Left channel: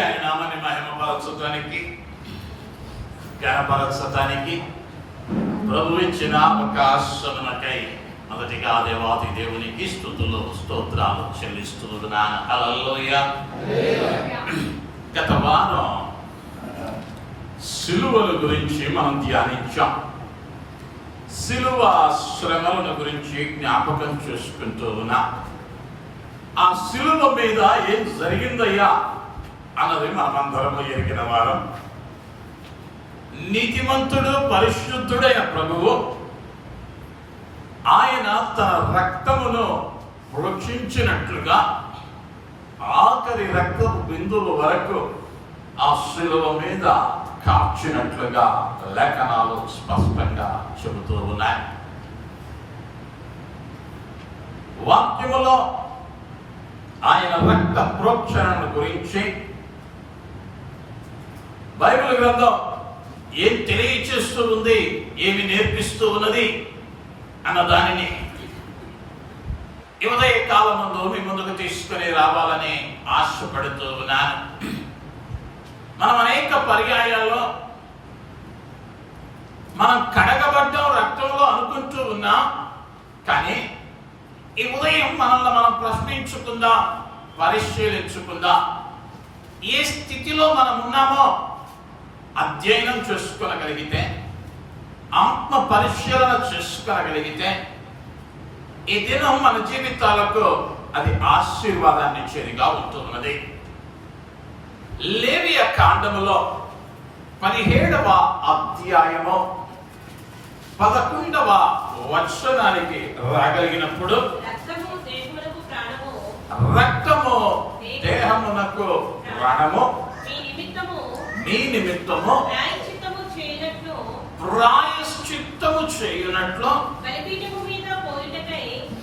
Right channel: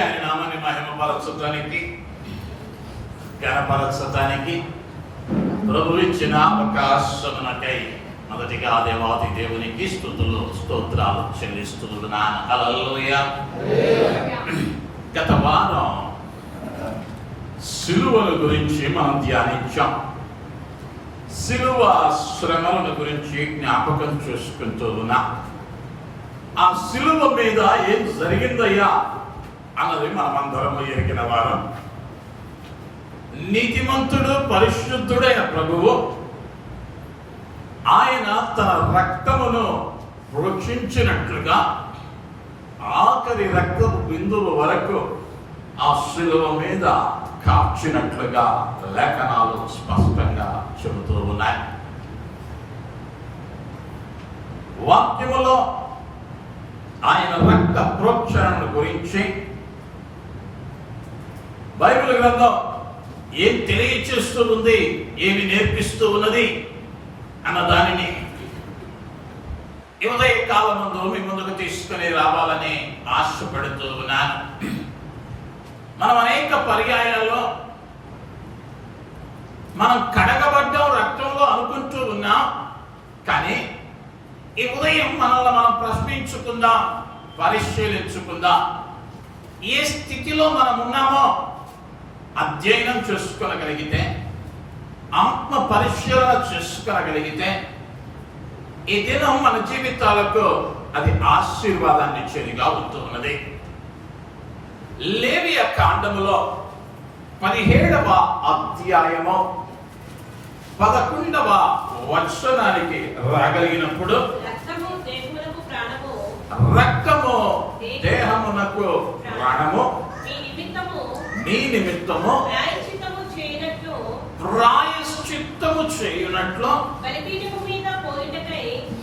ఆయన నామాన్ని మహిమపరచడానికి ఘనపరచడానికి ప్రభు ఇచ్చిన అవకాశమునకై మొదటిగా దేవాది దేవునికి స్తుతులు స్తోత్రాలు చెల్లిస్తున్నాను. హల్లెలూయా. గత వారం సిలువల గురించి మనం ధ్యానించాం. సిలువ శ్రమలను గురించి జ్ఞాపకం చేసుకుంటూ ఉన్నాం. ఆ సిలువ మీద ఏం జరిగిందయ్యా అన్నది మనమందరము ఎరిగిన వారం. నీతిమంతుడు పరిశుద్ధుడైన ప్రభువు ఆయన తన రక్తమును ప్రోక్షించినట్లుగా ఆఖరి రక్తపు బిందువు వరకు ఆ సిలువ మీద కాచినట్లుగా లేఖనాలు స్పష్టంగా చెబుతూ ఉన్నాయి. వాక్యములో ఆయన రక్త ప్రోక్షణను గురించి బైబిల్ గ్రంథం ఏం తెలియచేస్తూ ఉంది, ఏమి నేర్పిస్తూ ఉన్నది అన్న దానిని ఉదయ కాలం ముందు మీ ముందుకు తీసుకుని రావాలని ఆశపడుతూ ఉన్నాను. మనం అనేక పర్యాయాల్లో మనం కడగబడ్డం రక్తంలో అనుకుంటూ ఉన్నాం. కానీ ఈ ఉదయం మనల్ని మనం ప్రశ్నించుకుందాం, పరిశీలించుకుందాం. ఏ స్థితిలో మనం ఉన్నామో అధ్యయనం చేసుకోగలిగితే, ఆత్మ పరిశీలన చేసుకోగలిగితే ఈ దినం మన జీవితాలకు అది ఆశీర్వాదాన్ని ఇచ్చేదిగా ఉంటున్నది. లేవియ కాండములో 17వ అధ్యాయము 11వ వచనానికి రాగలిగినప్పుడు రక్తము దేహమునకు ప్రాణము, మీ నిమిత్తము ప్రాయశ్చిత్తము చేయునట్లు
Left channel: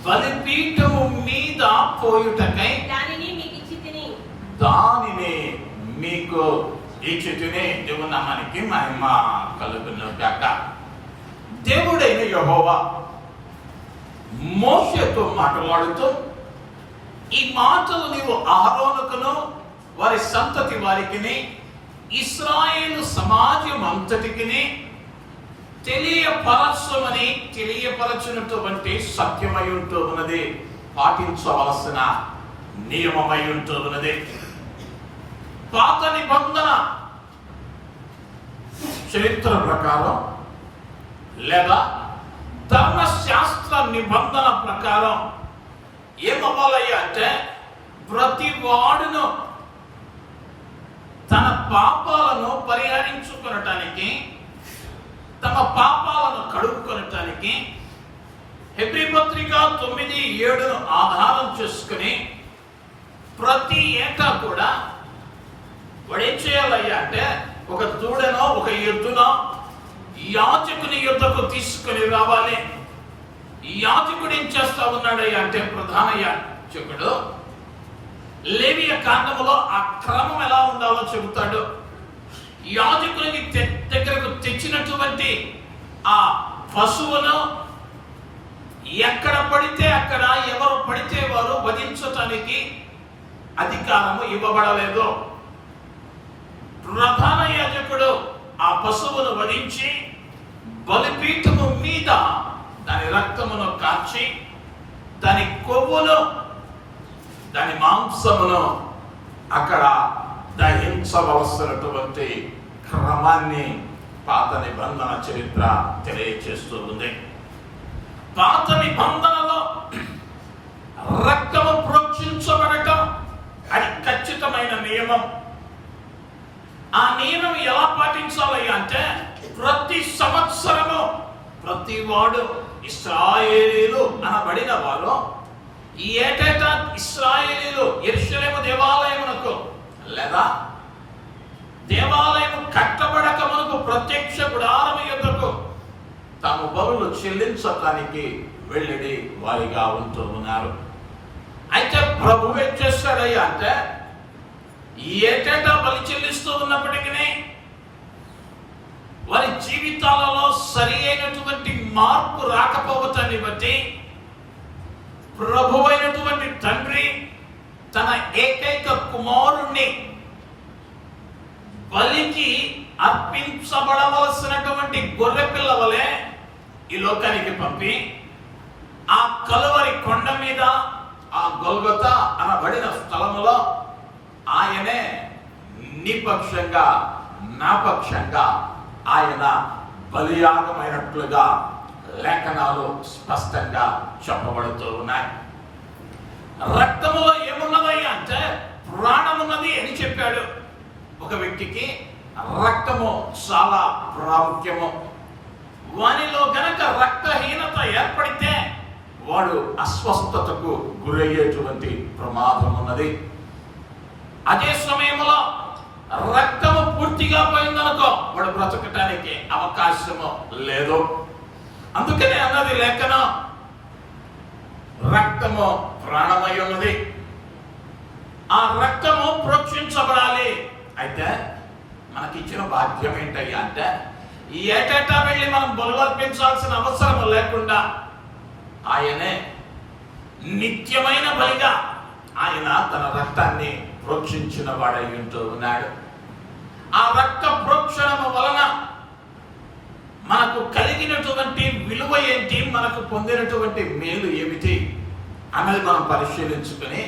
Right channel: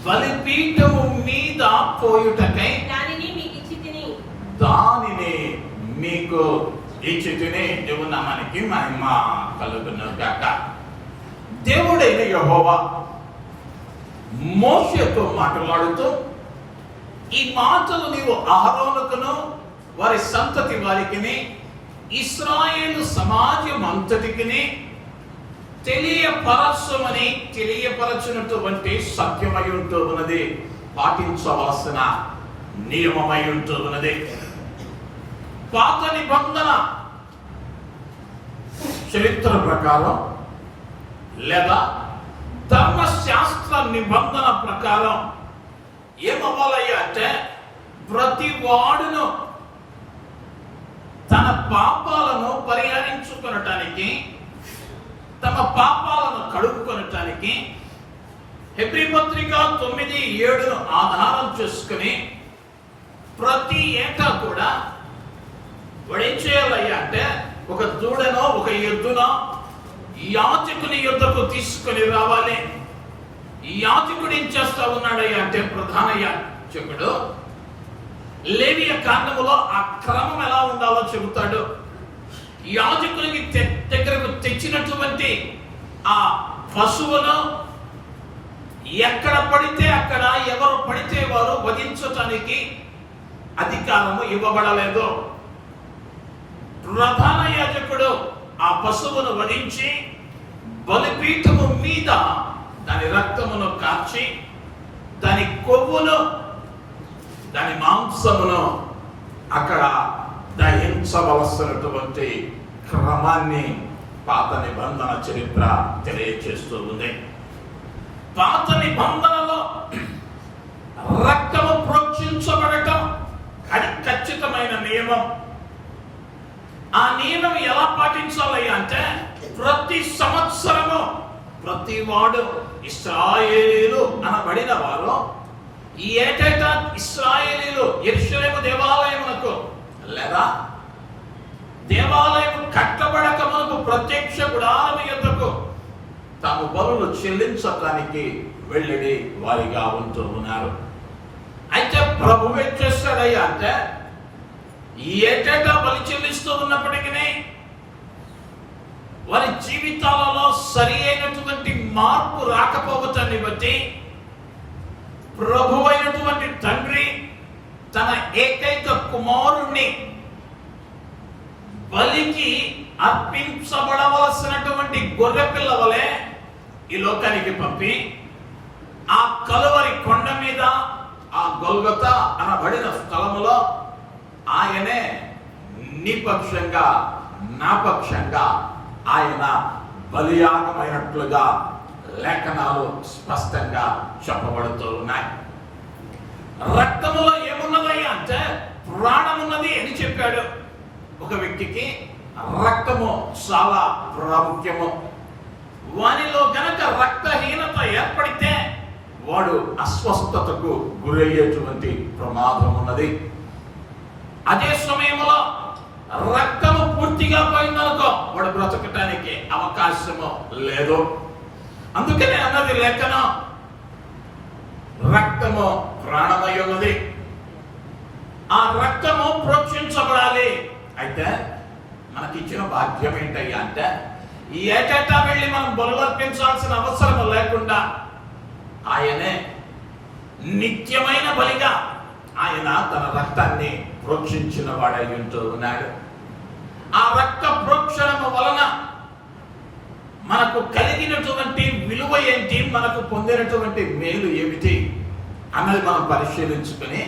బలిపీఠము మీద పోయుటకై దానిని మీకు ఇచ్చి తిని దేవుని నామానికి మహిమ కలుగును గాక. దేవుడైన యెహోవా మోషేతో మాట్లాడుతూ ఈ మాటలు నీవు అహరోనుకును వారి సంతతి వారికి ఇశ్రాయేలు సమాజం అంతటికి తెలియపరచినటువంటి సత్యమై ఉంటూ ఉన్నది, పాటించవలసిన నియమమై ఉంటూ ఉన్నది. పాత నిబంధన చరిత్ర ప్రకారం లేదా ధర్మశాస్త్ర నిబంధన ప్రకారం ఏమవ్వాలయ్యా అంటే ప్రతి వాడును తన పాపాలను పరిహరించుకొనటానికి, తమ పాపాలను కడుక్కొనటానికి హెబ్రీ పత్రిక 9:7 ఆధారం చేసుకుని ప్రతి ఏటా కూడా వాడు ఏం చేయాలయ్యా అంటే ఒక దూడనో ఒక ఎద్దునో యాజకుని యుద్ధకు తీసుకుని రావాలి. ఈ యాజకుడు ఏం చేస్తా ఉన్నాడయ్యా అంటే ప్రధాన యాజకుడు లేవియ కాండములో ఆ క్రమం ఎలా ఉండాలో చెబుతాడు. యాజకునికి దగ్గరకు తెచ్చినటువంటి ఆ పశువును ఎక్కడ పడితే అక్కడ, ఎవరు పడితే వారు వధించటానికి అధికారము ఇవ్వబడలేదు. ప్రధాన యాజకుడు ఆ పశువును వధించి బలిపీఠము మీద దాని రక్తమును కార్చి దాని కొవ్వును, దాని మాంసమును అక్కడ దహించవలసినటువంటి క్రమాన్ని పాత నిబంధన చరిత్ర తెలియచేస్తూ ఉంది. పాత నిబంధనలో రక్తము ప్రోక్షించబడటం అది ఖచ్చితమైన నియమం. ఆ నియమం ఎలా పాటించాలి అంటే ప్రతి సంవత్సరము ప్రతి వాడు ఇశ్రాయేలీయులు అనబడిన వారు ఈ ఏటేటా ఇశ్రాయేలీయులు యెరూషలేము దేవాలయమునకు లేదా దేవాలయం కట్టబడక మనకు ప్రత్యక్ష గుడారము యొద్దకు తాము బలులు చెల్లించడానికి వెళ్ళి వారిగా ఉంటూ ఉన్నారు. అయితే ప్రభు ఏం చేస్తాడయ్యా అంటే ఏటేటా బలి చెల్లిస్తూ ఉన్నప్పటికీ వారి జీవితాలలో సరి అయినటువంటి మార్పు రాకపోవటాన్ని బట్టి ప్రభువైనటువంటి తండ్రి తన ఏకైక కుమారుణ్ణి బలికి అర్పించబడవలసినటువంటి గొర్రె పిల్ల వలె ఈ లోకానికి పంపి ఆ కలువరి కొండ మీద ఆ గొల్గొతా అనబడిన స్థలములో ఆయనే నీ పక్షంగా నా పక్షంగా ఆయన బలియాగమైనట్లుగా లేఖనాలు స్పష్టంగా చెప్పబడుతూ ఉన్నాయి. రక్తములో ఏమున్నదయ్యా అంటే ప్రాణమున్నది అని చెప్పాడు. ఒక వ్యక్తికి రక్తము చాలా ప్రాముఖ్యము. వానిలో గనక రక్తహీనత ఏర్పడితే వాడు అస్వస్థతకు గురయ్యేటువంటి ప్రమాదం ఉన్నది. అదే సమయంలో రక్తము పూర్తిగా పోయిందనుకో వాడు బ్రతకటానికి అవకాశము లేదు. అందుకనే అన్నది లేఖనం, రక్తము ప్రాణమై ఉన్నది. ఆ రక్తము ప్రోక్షించబడాలి. అయితే మనకిచ్చిన భాగ్యం ఏంటయ్యా అంటే ఏటేటా వెళ్ళి మనం బలులర్పించాల్సిన అవసరం లేకుండా ఆయనే నిత్యమైన బలిగా ఆయన తన రక్తాన్ని ప్రోక్షించిన వాడై ఉంటూ ఉన్నాడు. ఆ రక్త ప్రోక్షణము వలన మనకు కలిగినటువంటి విలువ ఏంటి, మనకు పొందినటువంటి మేలు ఏమిటి అన్నది మనం పరిశీలించుకుని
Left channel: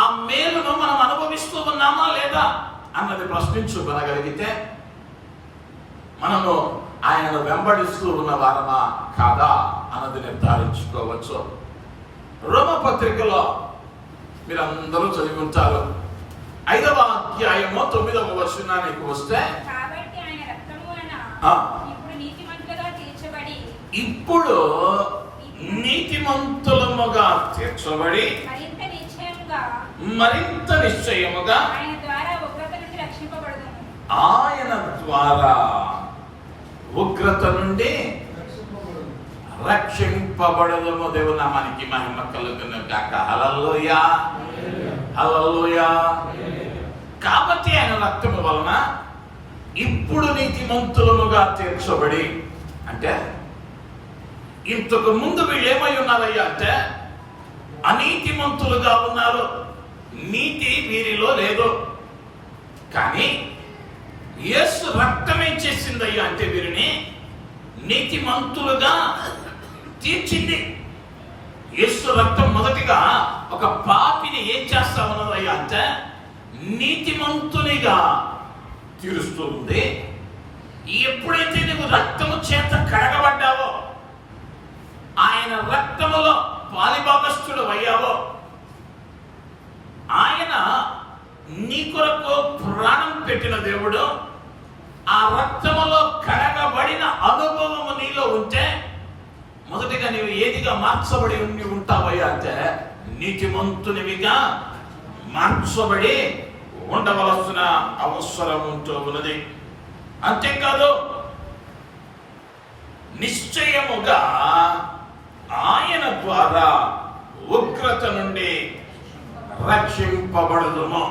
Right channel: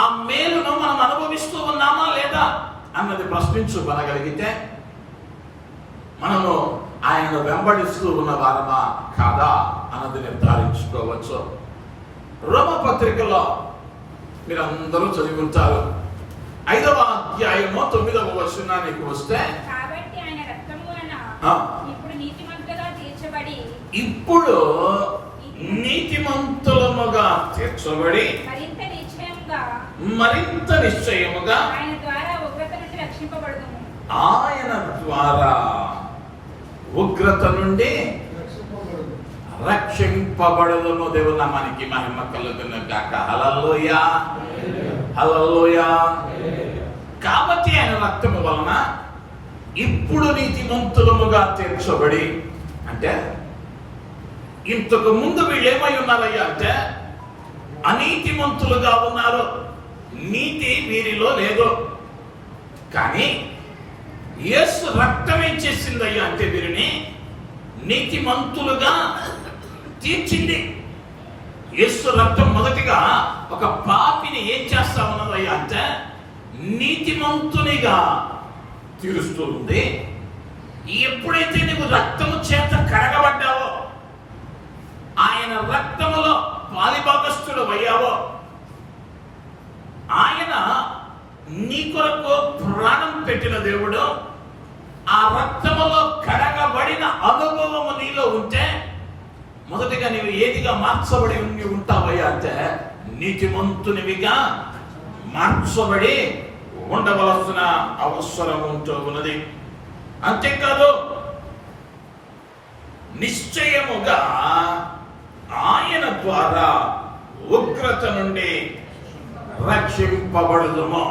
ఆ మేలును మనం అనుభవిస్తూ ఉన్నామా లేదా అన్నది ప్రశ్నించుకోగలిగితే మనము ఆయనను వెంబడిస్తూ ఉన్న వారమా కాదా అన్నది నిర్ధారించుకోవచ్చు. రోమపత్రికలో మీరందరూ చదివి ఉంటారు. 5వ అధ్యాయము 9వ వచనానికి వస్తే ఇప్పుడు నీతిమంతులముగా తీర్చబడి మరింత నిశ్చయముగా ఆయన ద్వారా ఉగ్రత నుండి రక్షింపబడును. దేవుని నామానికి మహిమ కలుగును గాక. హల్లెలూయా, హల్లెలూయా. కాబట్టి ఆయన రక్తము వలన ఇప్పుడు నీతిమంతులముగా తీర్చబడి, అంటే ఇంతకు ముందు వీళ్ళు ఏమై ఉన్నారయ్యా అంటే అనీతిమంతులుగా ఉన్నారు. నీతి వీరిలో లేదు. కానీ యేసు రక్తం ఏం చేసిందయ్యా అంటే వీరిని నీతిమంతులుగా తీర్చింది. యేసు రక్తం మొదటిగా ఒక పాపిని ఏం చేస్తా ఉన్నదయ్యా అంటే నీతిమంతునిగా తీరుస్తూ ఉంది. ఎప్పుడైతే నువ్వు రక్తము చేత కడగబడ్డావో, ఆయన రక్తములో పాలిభాగస్థుడు అయ్యావో, ఆయన నీ కొరకు ప్రాణం పెట్టిన దేవుడు, ఆ రక్తములో కడగబడిన అనుభవము నీలో ఉంటే మొదటిగా నీవు ఏదిగా మార్చబడి ఉంటావయ్యా అంటే నీతిమంతునివిగా మార్చబడి ఉండవలసిన అవసరం ఉంటూ ఉన్నది. అంతేకాదు నిశ్చయముగా ఆయన ద్వారా ఉగ్రత నుండి రక్షింపబడుదుము.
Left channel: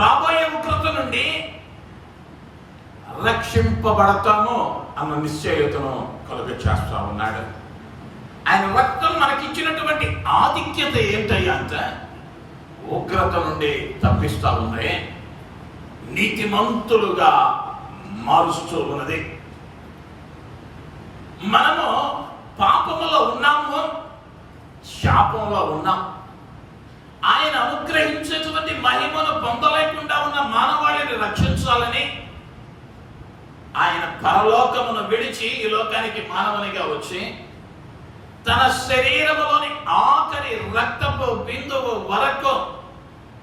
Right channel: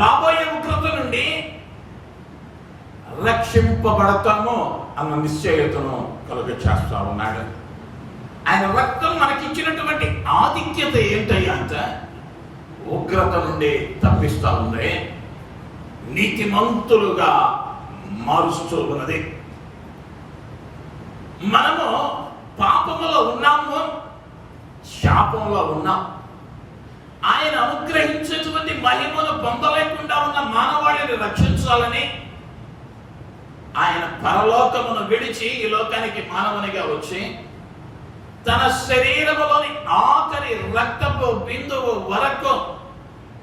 రాబోయే ఉగ్రత నుండి రక్షింపబడతాము అన్న నిశ్చయతను కలుగ చేస్తా ఉన్నాడు. ఆయన రక్తం మనకిచ్చినటువంటి ఆధిక్యత ఏంటయ్యా అంటే ఉగ్రత నుండి తప్పిస్తా ఉంది, నీతిమంతులుగా మారుస్తూ ఉన్నది. మనము పాపములో ఉన్నాము, శాపంలో ఉన్నాం. ఆయన అనుగ్రహించేటువంటి మహిమను పొందలేకుండా ఉన్న మానవాళిని రక్షించాలని ఆయన పరలోకమును విడిచి ఈ లోకానికి మానవునిగా వచ్చి తన శరీరములోని ఆఖరి రక్తపు బిందువు వరకు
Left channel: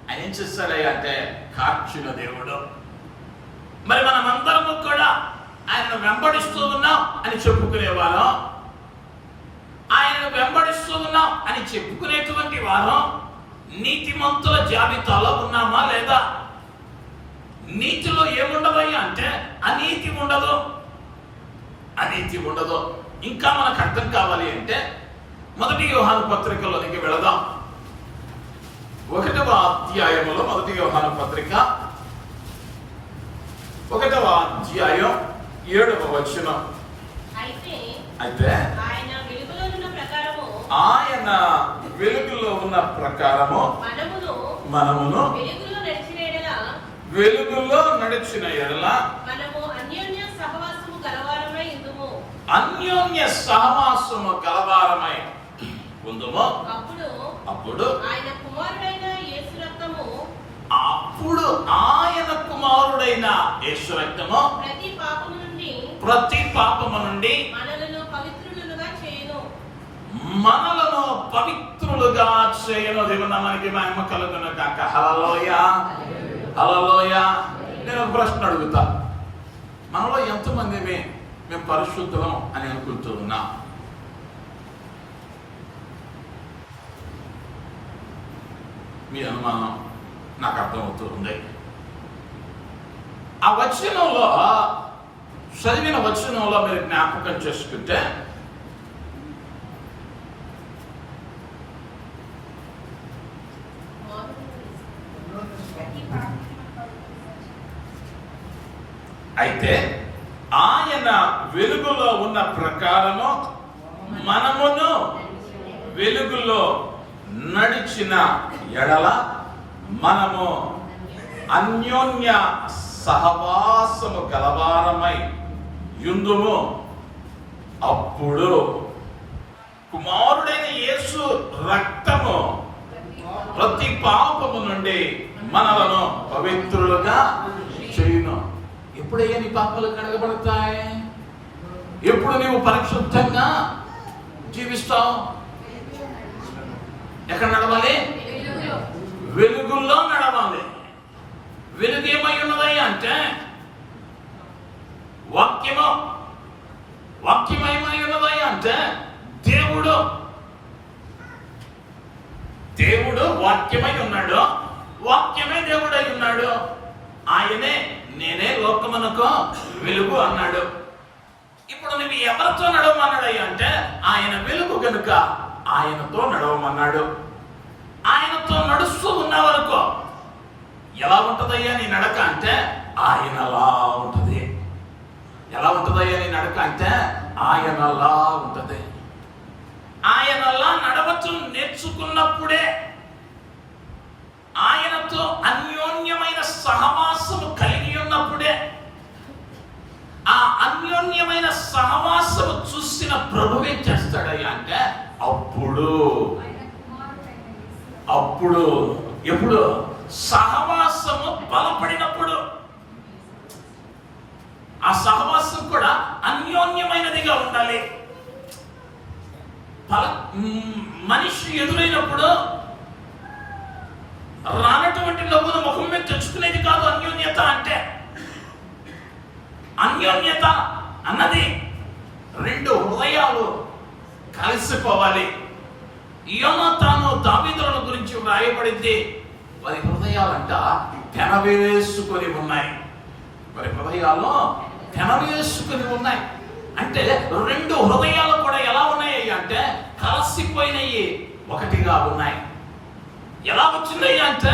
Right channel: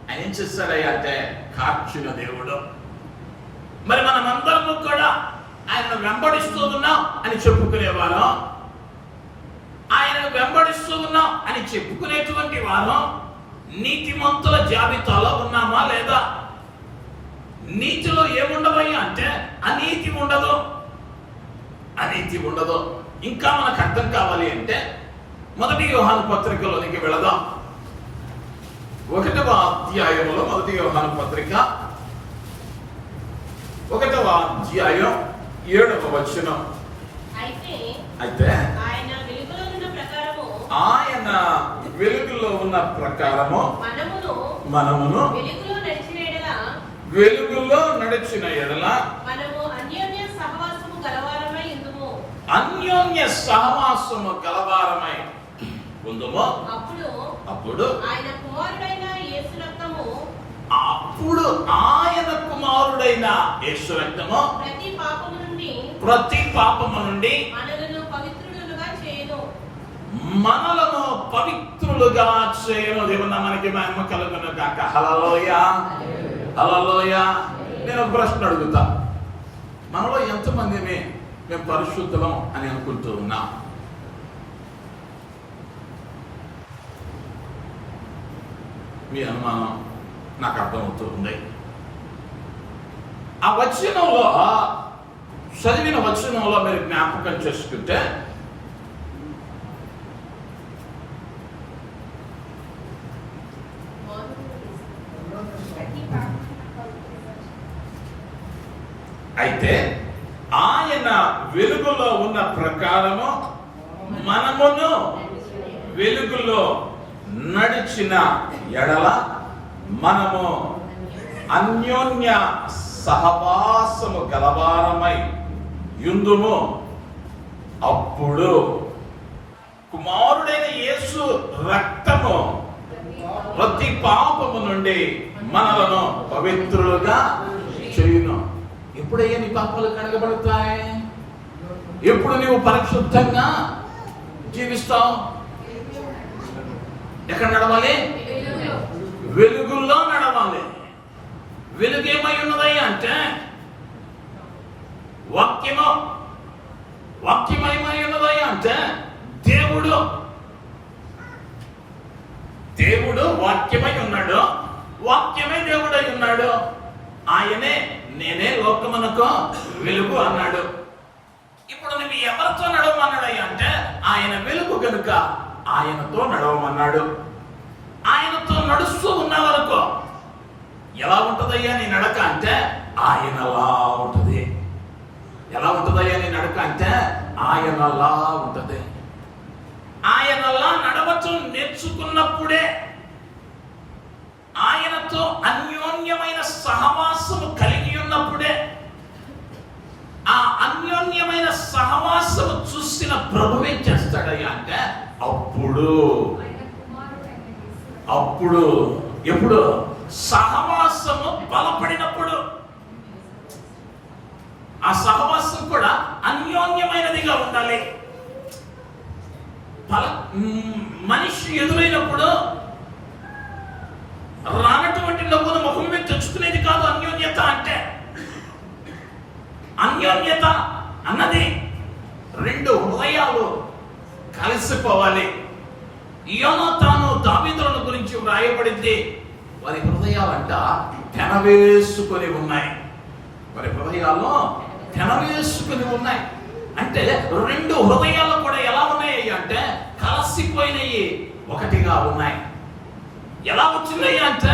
ఆయన ఏం చేస్తాడయ్యా అంటే కార్చిన దేవుడు. మరి మనమందరము కూడా ఆయనను వెంబడిస్తూ ఉన్నాం అని చెప్పుకునేవారు, ఆయనను వెంబడిస్తూ ఉన్నాం అని చెప్పుకునేటువంటి వారు నీతిమంతుల జాబితాలో ఉన్నామా లేదా? నీతిలో ఏముండదయ్యా అంటే అనీతి ఉండదు, అనీతి ఉండదు. ఇంకా మనకు అర్థం కావాలి అంటే 1 యోహాను పత్రికలోనికి వెళదాం. 1వ అధ్యాయములో 1 యోహాను పత్రిక 1వ అధ్యాయం 7వ వచనం. అయితే ఆయన వెలుగులో ఉన్న ప్రకారము మనమును వెలుగులో నడిచిన ఎడల మనము అన్యోన్య సహవాసము గలవారమై ఉందుము. అన్యోన్య సహవాసము గలవారమై ఉందుము. అప్పుడు ఆయన కుమారుడైన యేసు రక్తము ప్రతి పాపము నుండి మనలను పవిత్రులుగా చేయను. దేవుని మనకి మహిమ కలుగును గాక. హల్లెలూయా, హల్లెలూయా. నేను ఒక ప్రశ్న అడుగుతా, మనలో ఎంతమంది మేము పరిశుద్ధులం అని అనుకుంటూ ఉన్నా? మీ అనుమానం నాకు అర్థమవుతూ ఉంది. ఆ వచనంలో చదివిన వచనంలో మీరు జ్ఞాపకం చేసుకుంటే అయితే ఆయన వెలుగులో ఉన్న ప్రకారము మనమును వెలుగులో నడిచిన ఎడల మనము అన్యోన్య సహవాసము గలవారమై యుందుము. అప్పుడు కుమారుడైన యేసు రక్తము ప్రతి పాపము నుండి మనలను పవిత్రులుగా చేయును. ఎప్పుడయ్యా నీ పాపాలు కడగబడతాయి? ఎప్పుడు నీవు పరిశుద్ధంగా జీవిస్తావు? ఎక్కడ నడవాలి? వెలుగుల్లో నడవాలి. వెలుగు ఏమై ఉన్నది అంటే వాక్యమయమై ఉన్నది అంటే దేవుడు వాక్యమై ఉన్నాడు. వాక్యమై దేవుడై ఉన్నాడు. ఆయనే నేనే లోకమునకు వెలుగు అన్నాడు. ఇప్పుడు నువ్వు ఎవరితో నడవమన్నాడు అంటే ఆయన వెలుగు కనుక ఆయనతో నడవమన్నాడు. ఆయనతో నడుస్తూ ఉన్న వరకు ఎలా ఉంటదయ్యా నీ నడక అంటే ఆయనలా ఉంటది. ఎలా ఉంటదయ్యా నీ నడక అంటే ఆయనలా ఉంటది. ఆయనలా నడవటం నేర్చుకున్నప్పుడే, ఆయనతో అన్యోన్యమైన సహవాసము కలిగి ఉన్నప్పుడే, ఆ అన్యోన్యమైన సహవాసము చూసిన ప్రభువే చేస్తాడయ్యా అంటే అప్పుడు ఎప్పుడు సహవాసము బలపడినప్పుడు. ఆ సహవాసం కూడా అన్యోన్యమైనదిగా ఉండాలి. మనిషి ఎదురైనప్పుడు రానటువంటి నవ్వును ముఖం మీద తెచ్చుకునేది కాదు అన్యోన్యత అంటే. అన్యోన్యత అన్నది రెండు హృదయాలు కలిసిపోవాలి. యోనాతాను దావీదులను గురించి వ్రాయబడింది. వారి హృదయాలంట తెనవేసుకొని ఉన్నాయి. వారి హృదయాల్లో తెనవేసుకొని ఉన్నాయి. అంటే రెండు హృదయాలు కూడా ఎలా ఉన్నాయి అంటే కలిసిపోయినాయి, ఒకటిగా ఉన్నాయి. ఎలా వచ్చినాయి అంటే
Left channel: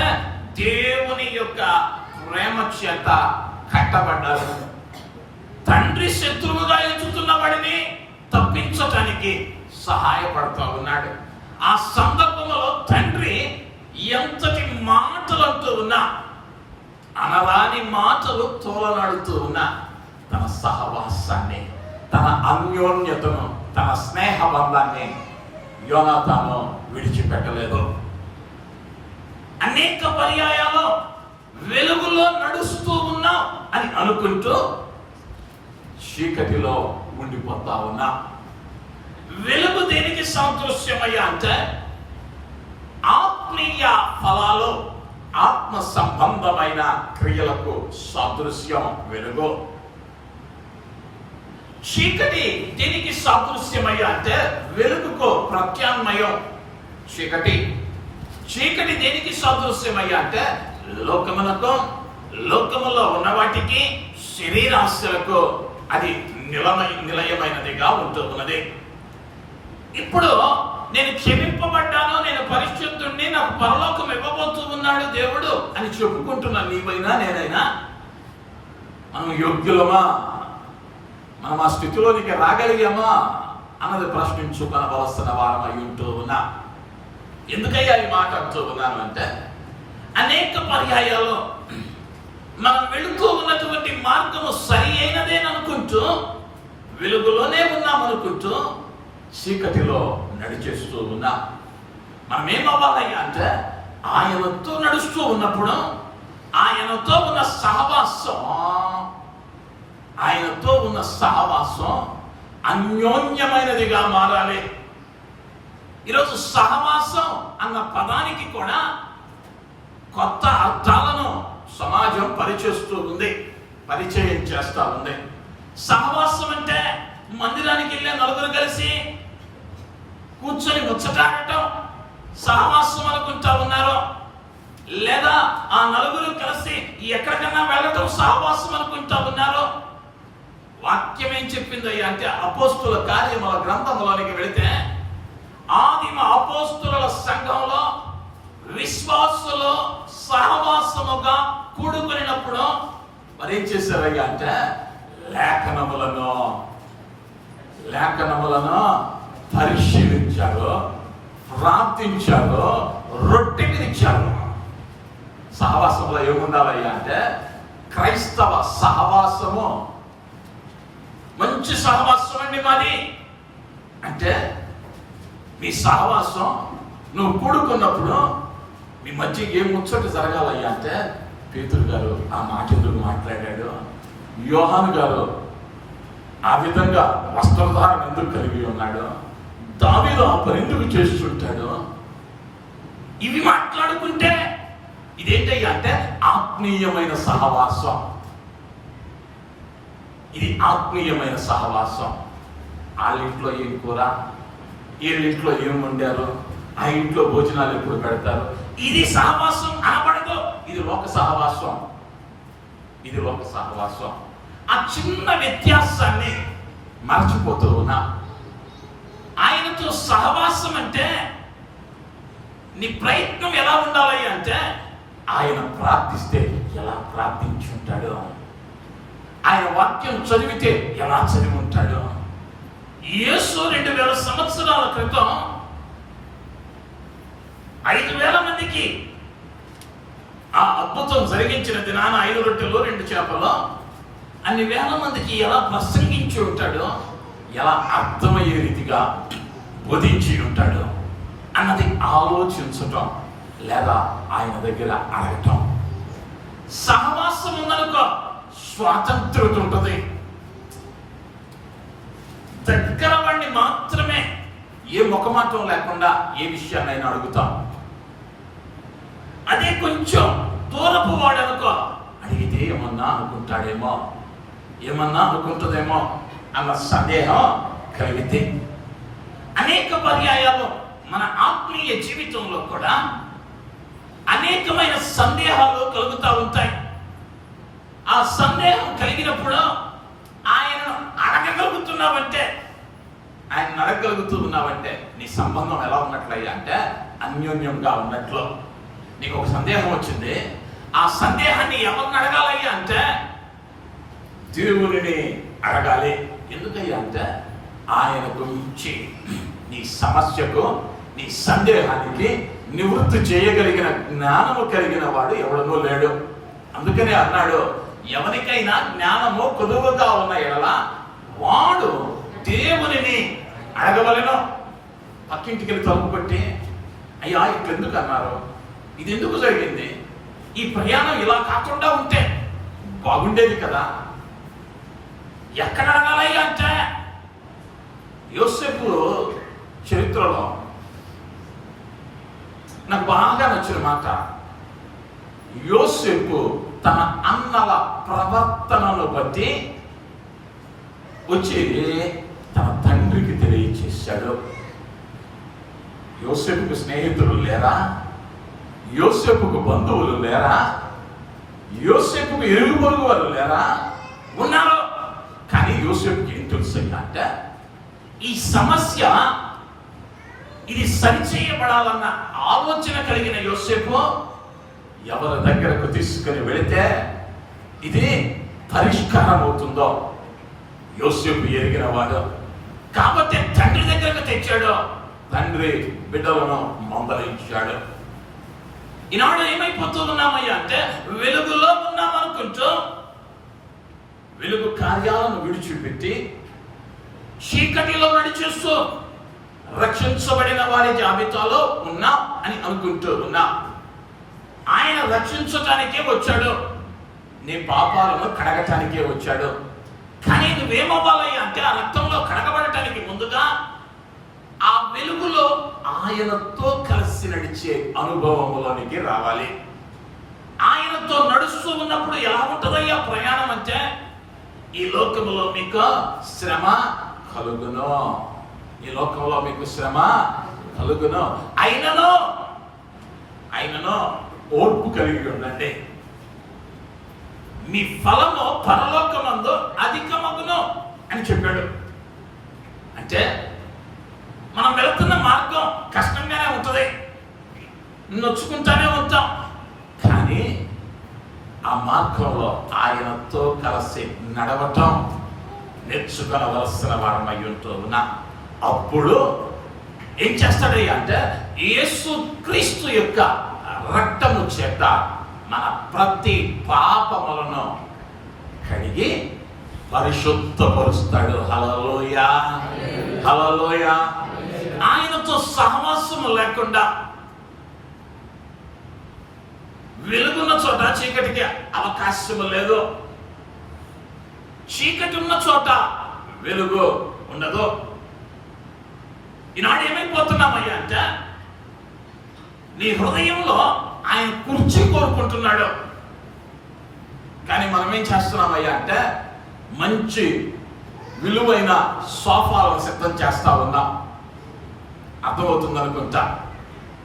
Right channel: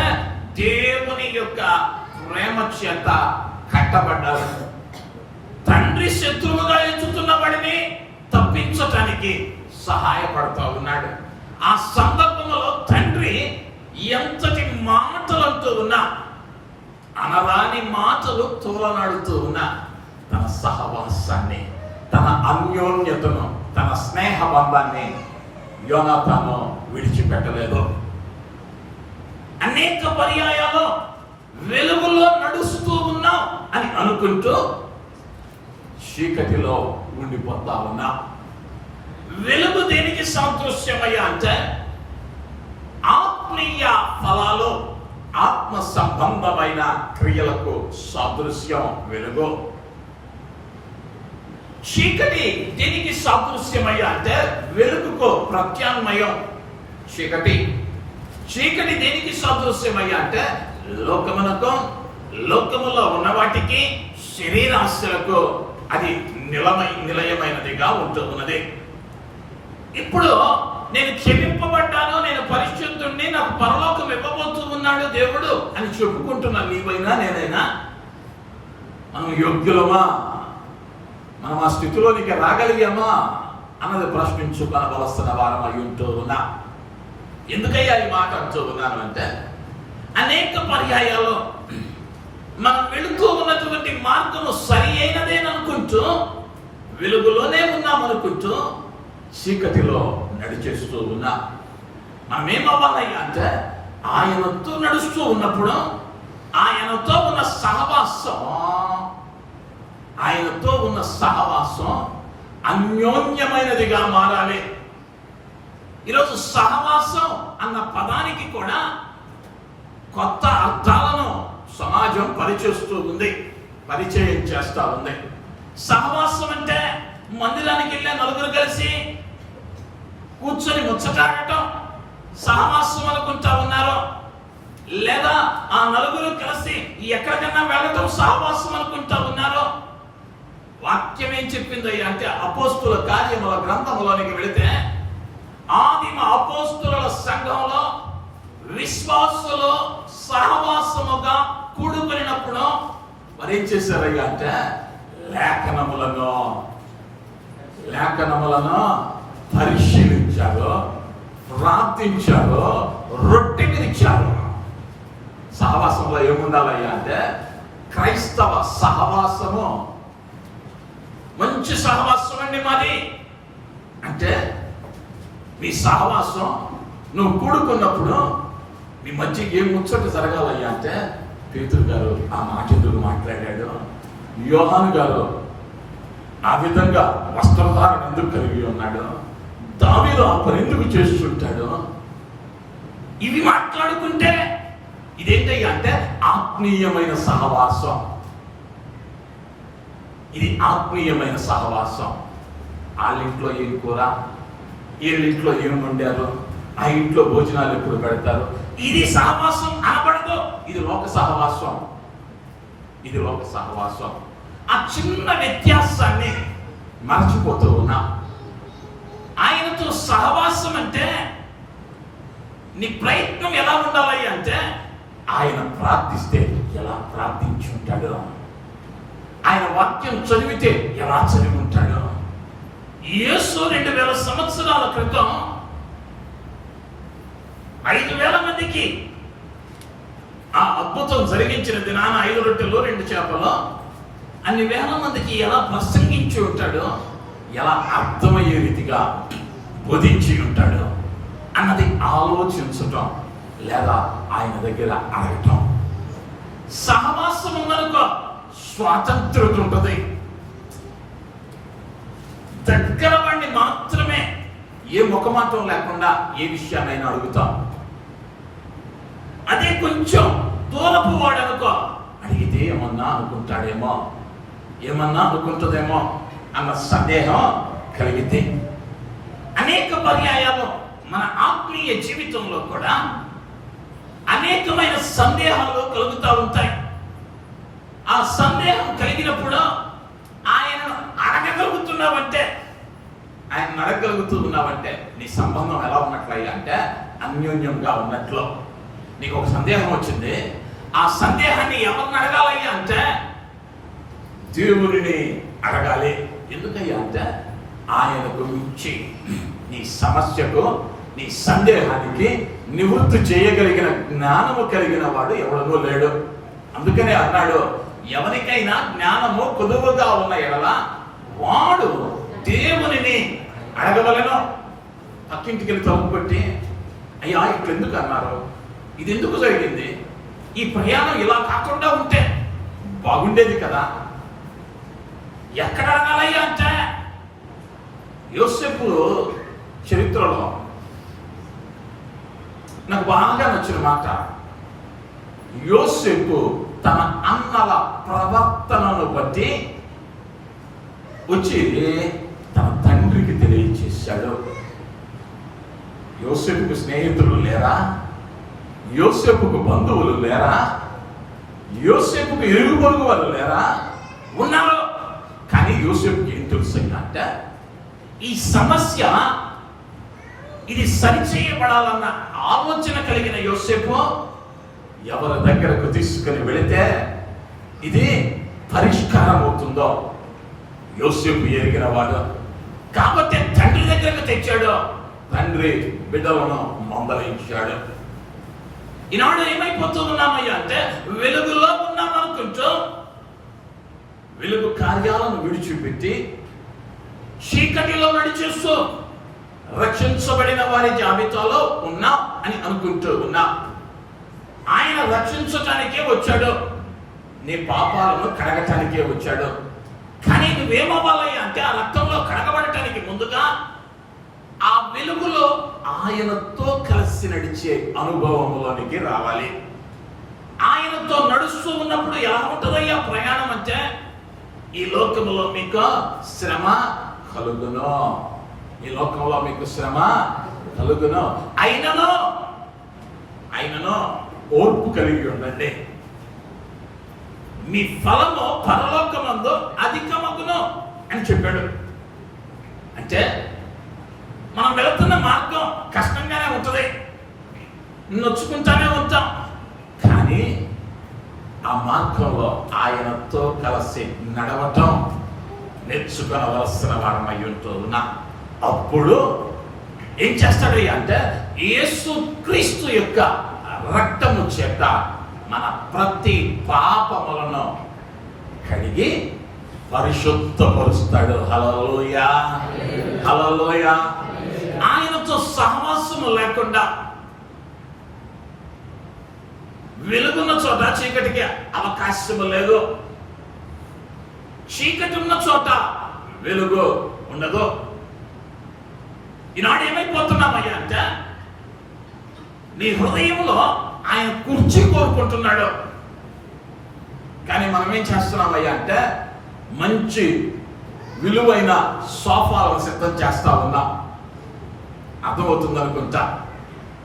దేవుని యొక్క ప్రేమ చేత కట్టబడ్డారు. తండ్రి శత్రువుగా ఎంచుతున్న వాడిని తప్పించటానికి సహాయపడుతూ ఉన్నాడు. ఆ సందర్భంలో తండ్రి ఎంతటి మాటలు అంటూ ఉన్నా, అనరాని మాటలు తోలనాడుతూ ఉన్నా, తన సహవాసాన్ని, తన అన్యోన్యతను, తన స్నేహ బంధాన్ని యోనాతాను విడిచిపెట్టలేదు. అనేక పర్యాయాలు వెలుగులో నడుస్తూ ఉన్నాం అని అనుకుంటూ చీకటిలో ఉండిపోతా ఉన్నా. వెలుగు దేనికి సాదృశ్యమయ్యా అంటే ఆత్మీయ ఫలాలు, ఆత్మ సంబంధమైన క్రియలకు సాదృశ్యం వెలుగు. చీకటి దేనికి సాదృశ్యమయ్యా అంటే వెలుగుకు ప్రత్యామ్నాయం చీకటి. చీకటి దేనికి సాదృశ్యమయ్యా అంటే లోకమునకు, లోకములో ఉన్న వాటికి, శరీరాశలకు అది నిలయమైనదిగా ఉంటూ ఉన్నది. ఇప్పుడు నేను క్షమింపబడ్డాను, నేను పరిశుద్ధుణ్ణి, నాకు పరలోకం ఇవ్వబోతూ ఉన్నాడు దేవుడు అని చెప్పుకుంటున్నా నీవైనా నేనైనా. మనం యోగ్యులమా? మనం ఆ స్థితిలోనికి రాగలిగామా అన్నది ప్రశ్నించుకొనవలసిన వారమై ఉంటూ ఉన్నా. ఎందుకయ్యా ఈ మాట అంటూ ఉన్నాను అంటే అనేక పర్యాయాలు మనం వెళుతూ ఉన్నటువంటి మార్గము సరి అయినదేననుకుంటూ వెలుగులోనే ఉన్నామనుకుంటూ చీకటిలో నడిచేస్తూ ఉన్నాం. మనం ఏమవ్వాలయ్యా అంటే ఆయనతో నడుస్తూ ఉన్నప్పుడు ఆయనతో ఉన్న సహవాసం అన్యోన్యమైనదిగా మారాలి. ఈరోజు సహవాసం అన్న పదానికి కూడా కొత్త అర్థాలను సమాజం పరిచయం చేస్తూ ఉంది. సహవాసం అంటే మందిరానికి వెళ్ళే నలుగురు కలిసి కూర్చొని ముచ్చటాడటం సహవాసం అనుకుంటా ఉన్నారు. లేదా ఆ నలుగురు కలిసి ఎక్కడికన్నా వెళ్ళటం సహవాసం అనుకుంటా ఉన్నారు. వాక్యం ఏం చెప్పిందయ్యా అంటే అపోస్తుల కార్యముల గ్రంథములోనికి వెళితే ఆదిమ అపోస్తుల సంఘంలో విశ్వాసులు సహవాసముగా కూడుకున్నప్పుడు మరేం చేశారయ్యా అంటే లేఖనములను పరిశీలించారు, ప్రార్థించారు, రొట్టె విరిచారు. సహవాసంలో ఏముండాలయ్యా అంటే క్రైస్తవ సహవాసము మంచి సహవాసం అండి మాది. అంటే మీ సహవాసం నువ్వు కూడుకున్నప్పుడు మీ మధ్య ఏం ముచ్చట జరగాలయ్యా అంటే పేతురు గారు ఆ మాట ఎందుకు మాట్లాడాడు, యోహాను గారు ఆ విధంగా వస్త్రధారణ ఎందుకు కలిగి ఉన్నాడు, దావీదు ఆ పని ఎందుకు చేస్తుంటాడు, ఇవి మాట్లాడుకుంటే ఇదేంటయ్యా అంటే ఆత్మీయమైన సహవాసం. ఇది ఆత్మీయమైన సహవాసం. వాళ్ళ ఇంట్లో ఏం కూర, వీళ్ళింట్లో ఏం వండారు, ఆ ఇంట్లో భోజనాలు ఎప్పుడు పెడతారు, ఇది సహవాసం అనబడదు. ఇది లోక సహవాసం. ఆ చిన్న వ్యత్యాసాన్ని మర్చిపోతూ ఉన్నా. ఆయనతో సహవాసం అంటే నీ ప్రయత్నం ఎలా ఉండాలి అంటే ఆయన ప్రార్థిస్తే ఎలా ప్రార్థించుంటాడు, ఆయన వాక్యం చదివితే ఎలా చదివి ఉంటాడు. యేసు 2000 సంవత్సరాల క్రితం 5,000 మందికి ఆ అద్భుతం జరిగించిన దినాన 5 రొట్టెలు 2 చేపలు అన్ని వేల మందికి ఎలా ప్రసంగించి ఉంటాడో, ఎలా అర్థమయ్యే రీతిగా బోధించి ఉంటాడు అన్నది ఆలోచించటం లేదా ఆయన దగ్గర అడగటం. సహవాసం ఉన్నదొక స్వాతంత్రత ఉంటుంది. దగ్గర వాడిని మాత్రమే ఏ ముఖమాటం లేకుండా ఏ విషయాన్నైనా అడుగుతాం. అదే కొంచెం దూరపు వాడనుకో అడిగితే ఏమన్నా అనుకుంటుందేమో అన్న సందేహం కలిగితే అనేక పర్యాయాలు మన ఆత్మీయ జీవితంలో కూడా అనేకమైన సందేహాలు కలుగుతూ ఉంటాయి. ఆ సందేహం కలిగినప్పుడు ఆయనను అడగగలుగుతూ ఉన్నావంటే నీ సంబంధం ఎలా ఉన్నట్లయ్యా అంటే అన్యోన్యంగా ఉన్నట్లు. నీకు ఒక సందేహం వచ్చింది, ఆ సందేహాన్ని ఎవరిని అడగాలయ్యా అంటే దేవుని అడగాలి. ఎందుకయ్యా అంటే ఆయన గురించి నీ సమస్యకు నీ సందేహానికి నివృత్తి చేయగలిగిన జ్ఞానము కలిగిన వాడు ఎవడనూ లేడు. అందుకనే అన్నాడు, ఎవరికైనా జ్ఞానము కొదువుగా ఉన్న ఎడల వాడు దేవునిని అడగవలెను. పక్కింటికి వెళ్ళి తలుపు కొట్టి, అయ్యా ఇట్లెందుకు అన్నారు, ఇది ఎందుకు జరిగింది, ఈ ప్రయాణం ఇలా కాకుండా ఉంటే బాగుండేది కదా, ఎక్కడ అడగాలయ్యా అంటే యోసేపు చరిత్రలో నాకు బాగా నచ్చిన మాట, యోసేపు తన అన్నల ప్రవర్తనను బట్టి వచ్చి తన తండ్రికి తెలియచేశాడు. యోసేపుకు స్నేహితులు లేరా, యోసేపుకు బంధువులు లేరా, యోసేపుకు ఇరుగు పొరుగు వారు లేరా, ఉన్నారు. కానీ యోసేపుకి ఏం తెలుసు అంటే ఈ సమస్య ఇది సరిచేయబడాలన్న ఆలోచన కలిగిన యోసేపు ఎవరి దగ్గరకు తీసుకుని వెళితే ఇది పరిష్కారం అవుతుందో యోసేపు ఎరిగిన వాడు. కాబట్టి తండ్రి దగ్గరకు తెచ్చాడు, తండ్రి బిడ్డలను మందలించాడు. ఈనాడు ఏమైపోతున్నామయ్యా అంటే వెలుగులో ఉన్నామనుకుంటూ వెలుగు కార్యాలను విడిచిపెట్టి చీకటిలో నడిచేస్తూ రక్షించబడిన వారి జాబితాలో ఉన్నా అని అనుకుంటూ ఉన్నా. ఆయన రక్షించటానికే వచ్చాడు, నీ పాపాలను కడగటానికే వచ్చాడు. కానీ నువ్వేమవ్వాలి అంటే ఆ రక్తంలో కడగబడటానికి ముందుగా ఆ వెలుగులో ఆయనతో కలిసి నడిచే అనుభవంలోనికి రావాలి. ఆయనతో నడుస్తూ ఉన్నప్పుడు ఎలా ఉంటుందయ్యా ప్రయాణం అంటే, ఈ లోకంలో మీకు శ్రమ కలుగును, ఈ లోకంలో మీకు శ్రమ కలుగును, అయినను ఓర్పు కలిగి ఉండండి, మీ ఫలము పరలోకమందు అధికమగును అని చెప్పాడు. అంటే మనం వెళుతున్న మార్గం కష్టంగానే ఉంటుంది, నొచ్చుకుంటానే ఉంటాం. కానీ ఆ మార్గంలో ఆయనతో కలిసి నడవటం నేర్చుకొనవలసిన వారమై ఉంటూ ఉన్నా. అప్పుడు ఏం చేస్తాడు అంటే, యేసు క్రీస్తు యొక్క రక్తము చేత మన ప్రతి పాపములను కడిగి పరిశుద్ధపరుస్తాడు. హల్లెలూయా, హల్లెలూయా. ఆయనతో సహవాసము లేకుండా వెలుగున్న చోట చీకటికి అవకాశము లేదు, చీకటి ఉన్న చోట వెలుగు ఉండదు. ఈనాడు ఏమైపోతున్నామయ్యా అంటే, నీ హృదయంలో ఆయన కుర్చీ కోరుకుంటున్నాడు, కానీ మనం ఏం చేస్తున్నామయ్యా అంటే మంచి విలువైన సోఫాలను సిద్ధం చేస్తా ఉన్నాం. అర్థమవుతుంది అనుకుంటా.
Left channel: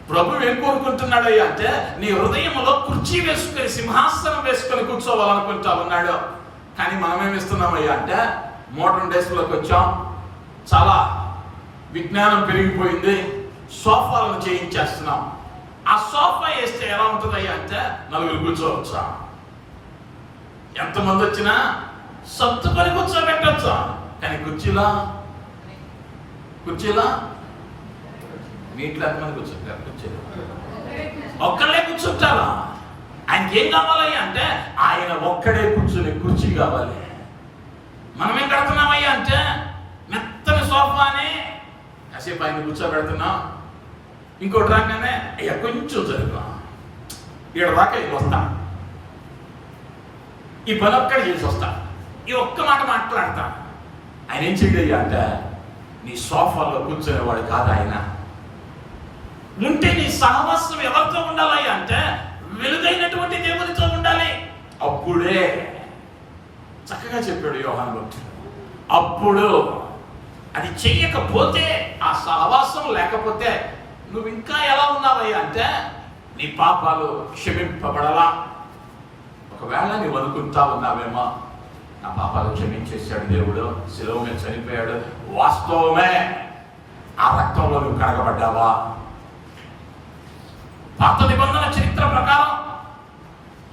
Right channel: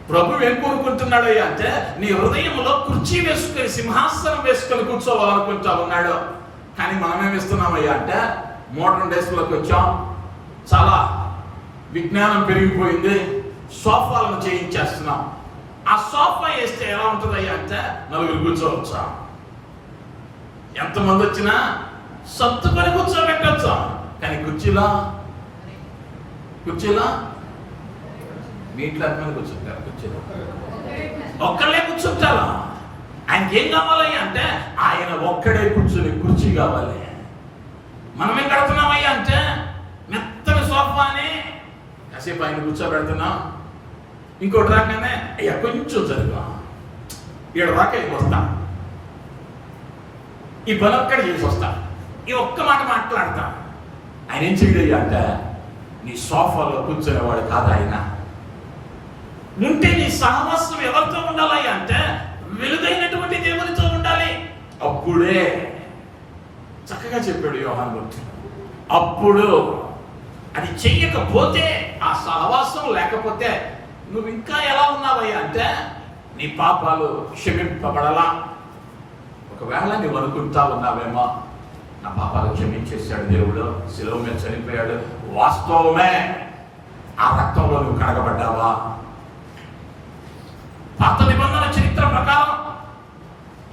ప్రభు ఏం కోరుకుంటున్నాడు అంటే, నీ హృదయంలో కుర్చీ వేసుకొని సింహాసనం వేసుకొని కూర్చోవాలనుకుంటా ఉన్నాడు. కానీ మనం ఏమిస్తున్నామయ్యా అంటే, మోడర్న్ డేస్ లోకి వచ్చాం, చాలా విజ్ఞానం పెరిగిపోయింది, సోఫాలను చేయించేస్తున్నాం. ఆ సోఫా వేస్తే ఎలా ఉంటుందయ్యా అంటే, నలుగురు కూర్చోవచ్చా, ఎంతమంది వచ్చినా సత్తుకొని కూర్చోబెట్టచ్చా. కానీ కుర్చీలా మీ ఇంట్లో ఎంతమంది కూర్చుంటారు? కుర్చీలో ఒక్కళ్ళే కూర్చుంటారా? ఆయనకి ఏం కావాలి అంటే, ఆయన ఒక్కడే కూర్చుని కుర్చీ కావాలి. మనం ఏం కడుతున్నామయ్యా అంటే, మెత్తని సోఫాని కాసేపు ఆయన కూర్చోబెడుతున్నాం, ఇంకోటి రాగానే అయ్యా కొంచెం జరుగు, ఇక్కడ రాక వస్తా, ఈ పని ఒక్కడ చేసి వస్తా, ఈ ఒక్క మాట మాట్లాడతా. ఆయన ఏం చేయడయ్యా అంటే, నీ సోఫాలో కూర్చునేవాడు కాదు ఆయన. ఉంటే నీ సహవాసం ఎవరితో ఉండాలి అంటే, వెలుగైనటువంటి దేవునితో ఉండాలి. అప్పుడే చక్కగా చెప్పాడు యోహాను భక్తుడు. అప్పుడు అది చెయ్యకపోతే, ఆ సహవాసం లేకపోతే నువ్వు ఇంకా ఎలా ఉన్నావయ్యా అంటే, నీ పాపాలు క్షమింపబడలా. ఒకవేళ నువ్వు అనుకుంటా ఉన్నావేమో, నా పాపాలు క్షమించేశాడు దేవుడు, శిలువ మీద చనిపోయాడు, వాస్తవమే. ఆ రక్తంలో నువ్వు కడగబడ్డావా? పాత నిబంధన చరిత్ర ప్రకారం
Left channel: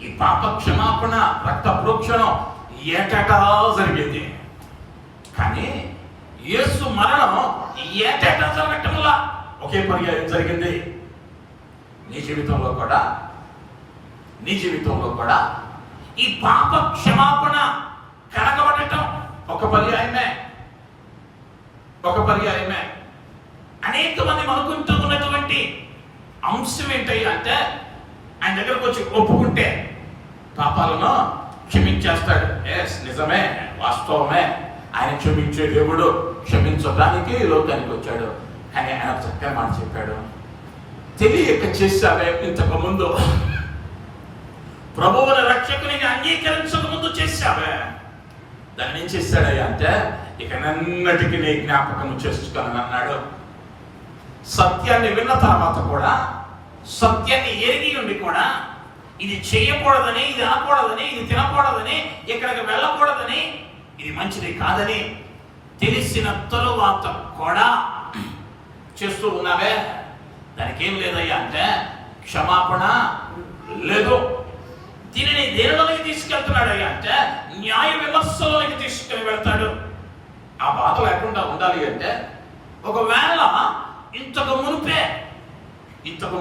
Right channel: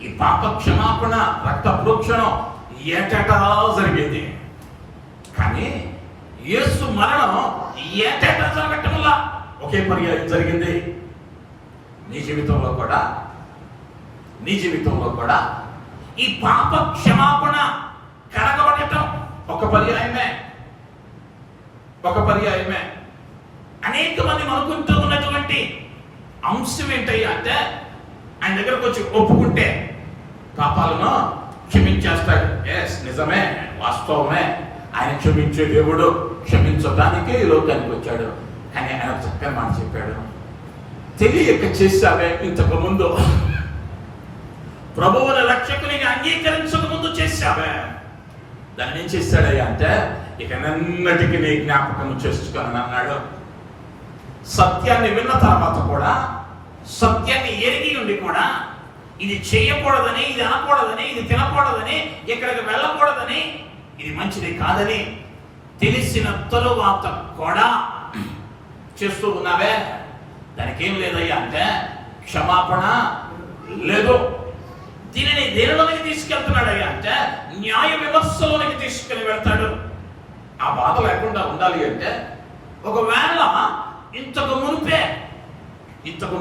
ఈ పాప క్షమాపణ, రక్త ప్రోక్షణం ఏటేటా జరిగేది. కానీ యేసు మరణం ఏటేటా జరగటం వల్ల ఒకే పర్యాయం జరిగింది. నీ జీవితంలో కూడా ఈ పాప క్షమాపణ కడగబడటం ఒక పర్యాయమే. అనేక మంది అనుకుంటూ ఉన్నటువంటి అంశం ఏంటయ్యా అంటే, ఆయన దగ్గరకు వచ్చి ఒప్పుకుంటే పాపాలను క్షమించేస్తాడు. ఎస్, నిజమే, వాస్తవమే. ఆయన క్షమించే దేవుడు, క్షమించడానికి ఈ లోకానికి వచ్చాడు. కానీ ఆయన చక్కని మాట చెప్పాడు, తెలియక చేశావే ఇంతకు ముందు, ప్రభువుని రక్షకునిగా అంగీకరించక ముందు చేశావే, దాన్ని ఏం చేశాడయ్యా అంటే, ఇక నన్నటికి నీ జ్ఞాపకం చేసుకొని అన్నాడు. సత్యాన్ని విన్న తర్వాత కూడా, సత్యాన్ని ఎరిగి ఉండి కూడా, ఇది చేయకూడదని, ఇది అనకూడదని, ఇది తినకూడదని, ఇక్కడికి వెళ్ళకూడదని, ఇది మంచిది కాదని తెలిసిన తరువాత కూడా చేస్తూ ఉన్నావే, దానికి ఏం లేదయ్యా అంటే క్షమాపణ లేదు. దీనిని దేనిలోకి తీసుకెళ్తున్నాడయ్యా అంటే, న్యాయ విమర్శలోనికి తీసుకుని వెళ్తాడు. ఆ బాధ లేకుండా ఉండాలి అంటే, ఒకవేళ ఇంతకు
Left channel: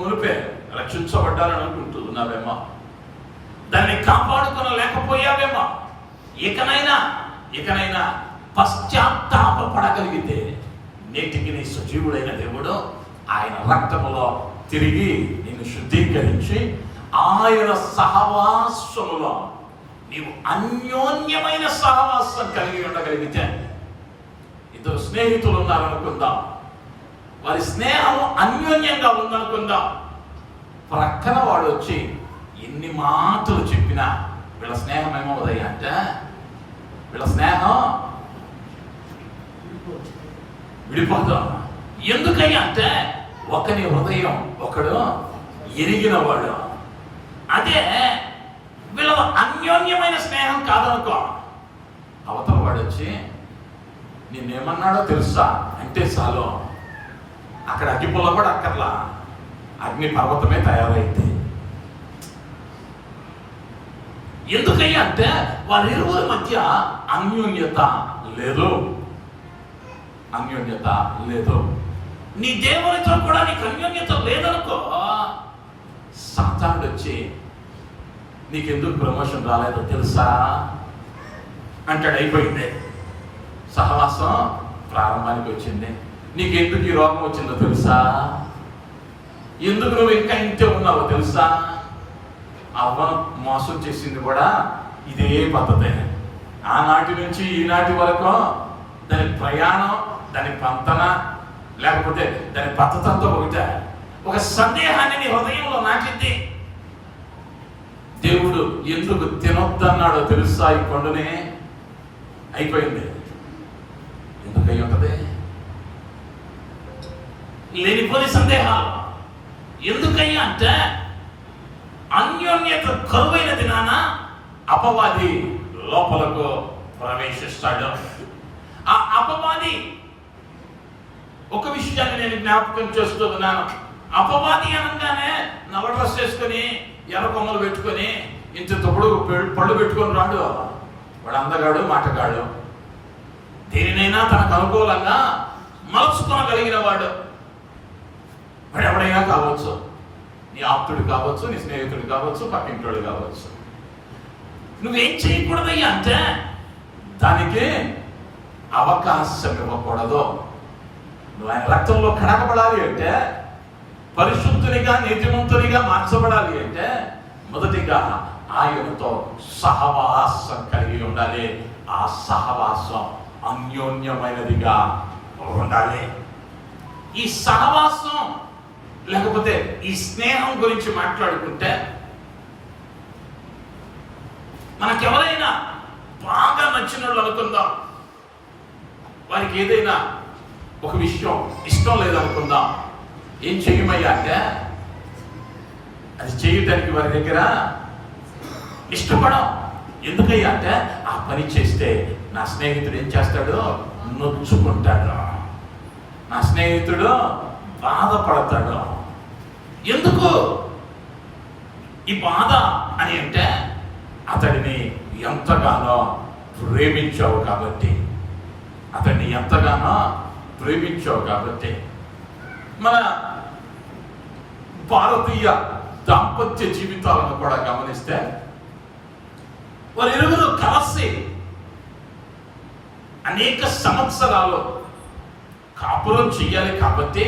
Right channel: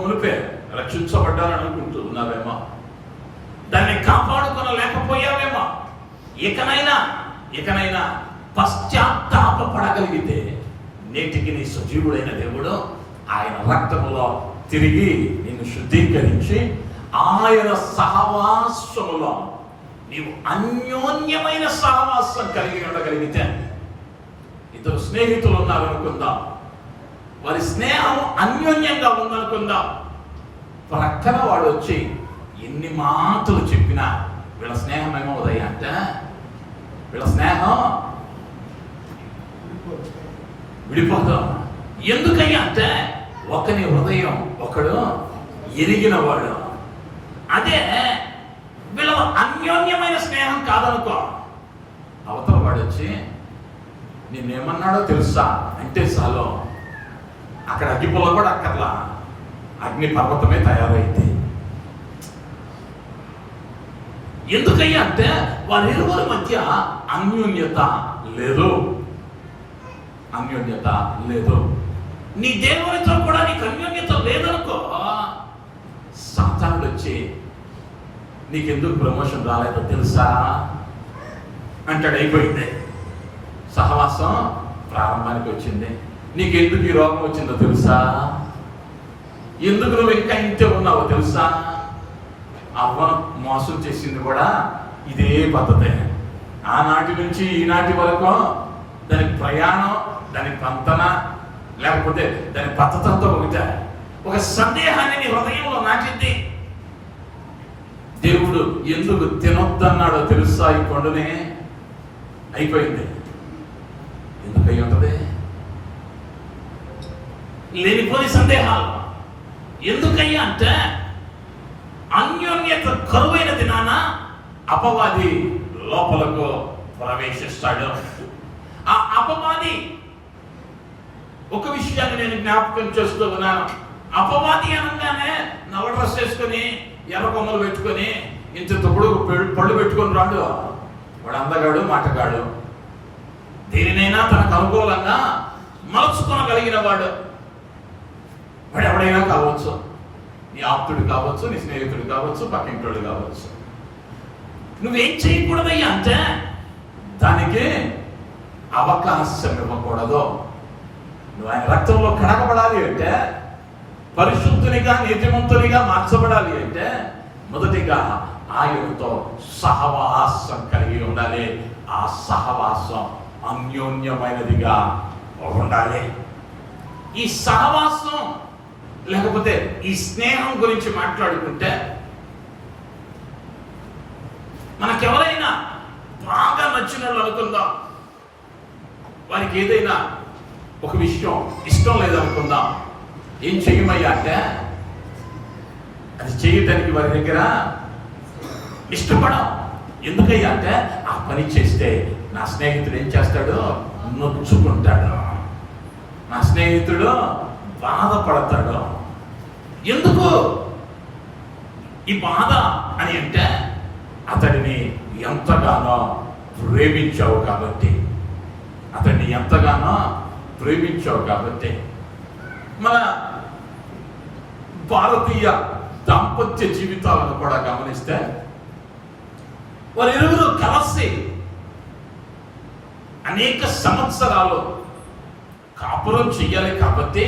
మునిపే రక్షించబడ్డాలని అనుకుంటున్నావేమో, దాన్ని కాపాడుకోలేకపోయావేమో, ఇకనైనా పశ్చాత్తాపపడగలిగితే నేటికి నీ సజీవుడైన దేవుడు ఆయన రక్తములో తిరిగి నిన్ను శుద్ధీకరించి ఆయన సహవాసములో నీవు అన్యోన్యమైన సహవాసం కలిగి ఉండగలిగితే, ఇద్దరు స్నేహితులు ఉన్నారనుకుందాం, వారి స్నేహము అన్యోన్యంగా ఉందనుకుందాం. ప్రక్కన వాడు వచ్చి ఎన్ని మాటలు చెప్పినా వీళ్ళ స్నేహం ఏమవుతాయి అంటే, వీళ్ళ స్నేహం విడిపోతాం. ఎందుకయ్యా అంటే ఒకని హృదయం ఒకడు ఎరిగిన వాడు. అదే వీళ్ళ అన్యోన్యమైన స్నేహం కాదనుకో, అవతల వాడు వచ్చి నేనేమన్నాడో తెలుసా అంటే చాలు, అక్కడ అగ్గిపుల్ల కూడా అక్కర్లా, అగ్ని పర్వతమే తయారైంది. ఎందుకయ్యా అంటే వారిరువురి మధ్య అన్యోన్యత లేదు. నీ దేవునితో కూడా నీకు అన్యోన్యత లేదనుకో, సాతానుడు వచ్చి నీకెందుకు ప్రమోషన్ రాలేదో తెలుసా అంటాడు. అయిపోయింది, సహవాసం ప్రారంభానికి వచ్చింది. నీకెందుకు ఈ రోగం వచ్చిందో తెలుసా, ఎందుకు నువ్వు ఇంకా ఇంతే ఉన్నావో తెలుసా. అవ్వను మోసం చేసింది కూడా ఇదే పద్ధతే. ఆనాటి నుంచి ఈనాటి వరకు దాని ప్రయాణం, దాని పంతన, లేకపోతే దాని పద్ధతంతో ఒకటే. ఒక సందేహాన్ని నీ హృదయంలో నాటింది. దేవుడు ఎందుకు తినొద్దన్నాడో తెలుసా ఈ పండునే. అయిపోయింది. ఎందుకై ఉంటది? లేనిపోని సందేహాలు. ఎందుకయ్యా అంటే అన్యోన్యత కరువైన దినాన అపవాది లోపలకు ప్రవేశిస్తాడు. ఆ అపవాది, ఒక విషయాన్ని నేను జ్ఞాపకం చేస్తూ ఉన్నాను. అపవాది అనగానే నల్ల డ్రెస్ వేసుకొని ఎర్ర కొమ్మలు పెట్టుకొని ఇంత తప్పుడు పళ్ళు పెట్టుకొని రాడు. వాడు అందగాడు, మాటగాడు, దేనినైనా తనకు అనుకూలంగా మలుచుకొనగలిగిన వాడు. వాడు ఎవడైనా కావచ్చు, నీ ఆప్తుడు కావచ్చు, నీ స్నేహితుడు కావచ్చు, పక్కింటోడు కావచ్చు. నువ్వేం చేయకూడదయ్యా అంటే దానికి అవకాశం ఇవ్వకూడదు. నువ్వు ఆయన రక్తంలో కడగబడాలి అంటే, పరిశుద్ధునిగా నీతిమంతునిగా మార్చబడాలి అంటే మొదటిగా ఆయనతో సహవాసం కలిగి ఉండాలి. ఆ సహవాసం అన్యోన్యమైనదిగా ఉండాలి. ఈ సహవాసం లేకపోతే ఈ స్నేహం గురించి మాట్లాడుకుంటే, మనకెవరైనా బాగా నచ్చిన వాళ్ళు అనుకుందాం, వారికి ఏదైనా ఒక విషయం ఇష్టం లేదనుకుందాం, ఏం చెయ్యమయ్యా అంటే అది చేయటానికి వారి దగ్గర ఇష్టపడం. ఎందుకయ్యా అంటే ఆ పని చేస్తే నా స్నేహితుడు ఏం చేస్తాడు? నొచ్చుకుంటాడు, నా స్నేహితుడు బాధపడతాడు. ఎందుకు ఈ బాధ అని అంటే అతడిని ఎంతగానో ప్రేమించావు కాబట్టి, మన భారతీయ దాంపత్య జీవితాలను కూడా గమనిస్తే వారిరువురు కలిసి అనేక సంవత్సరాలు కాపురం చెయ్యాలి. కాబట్టి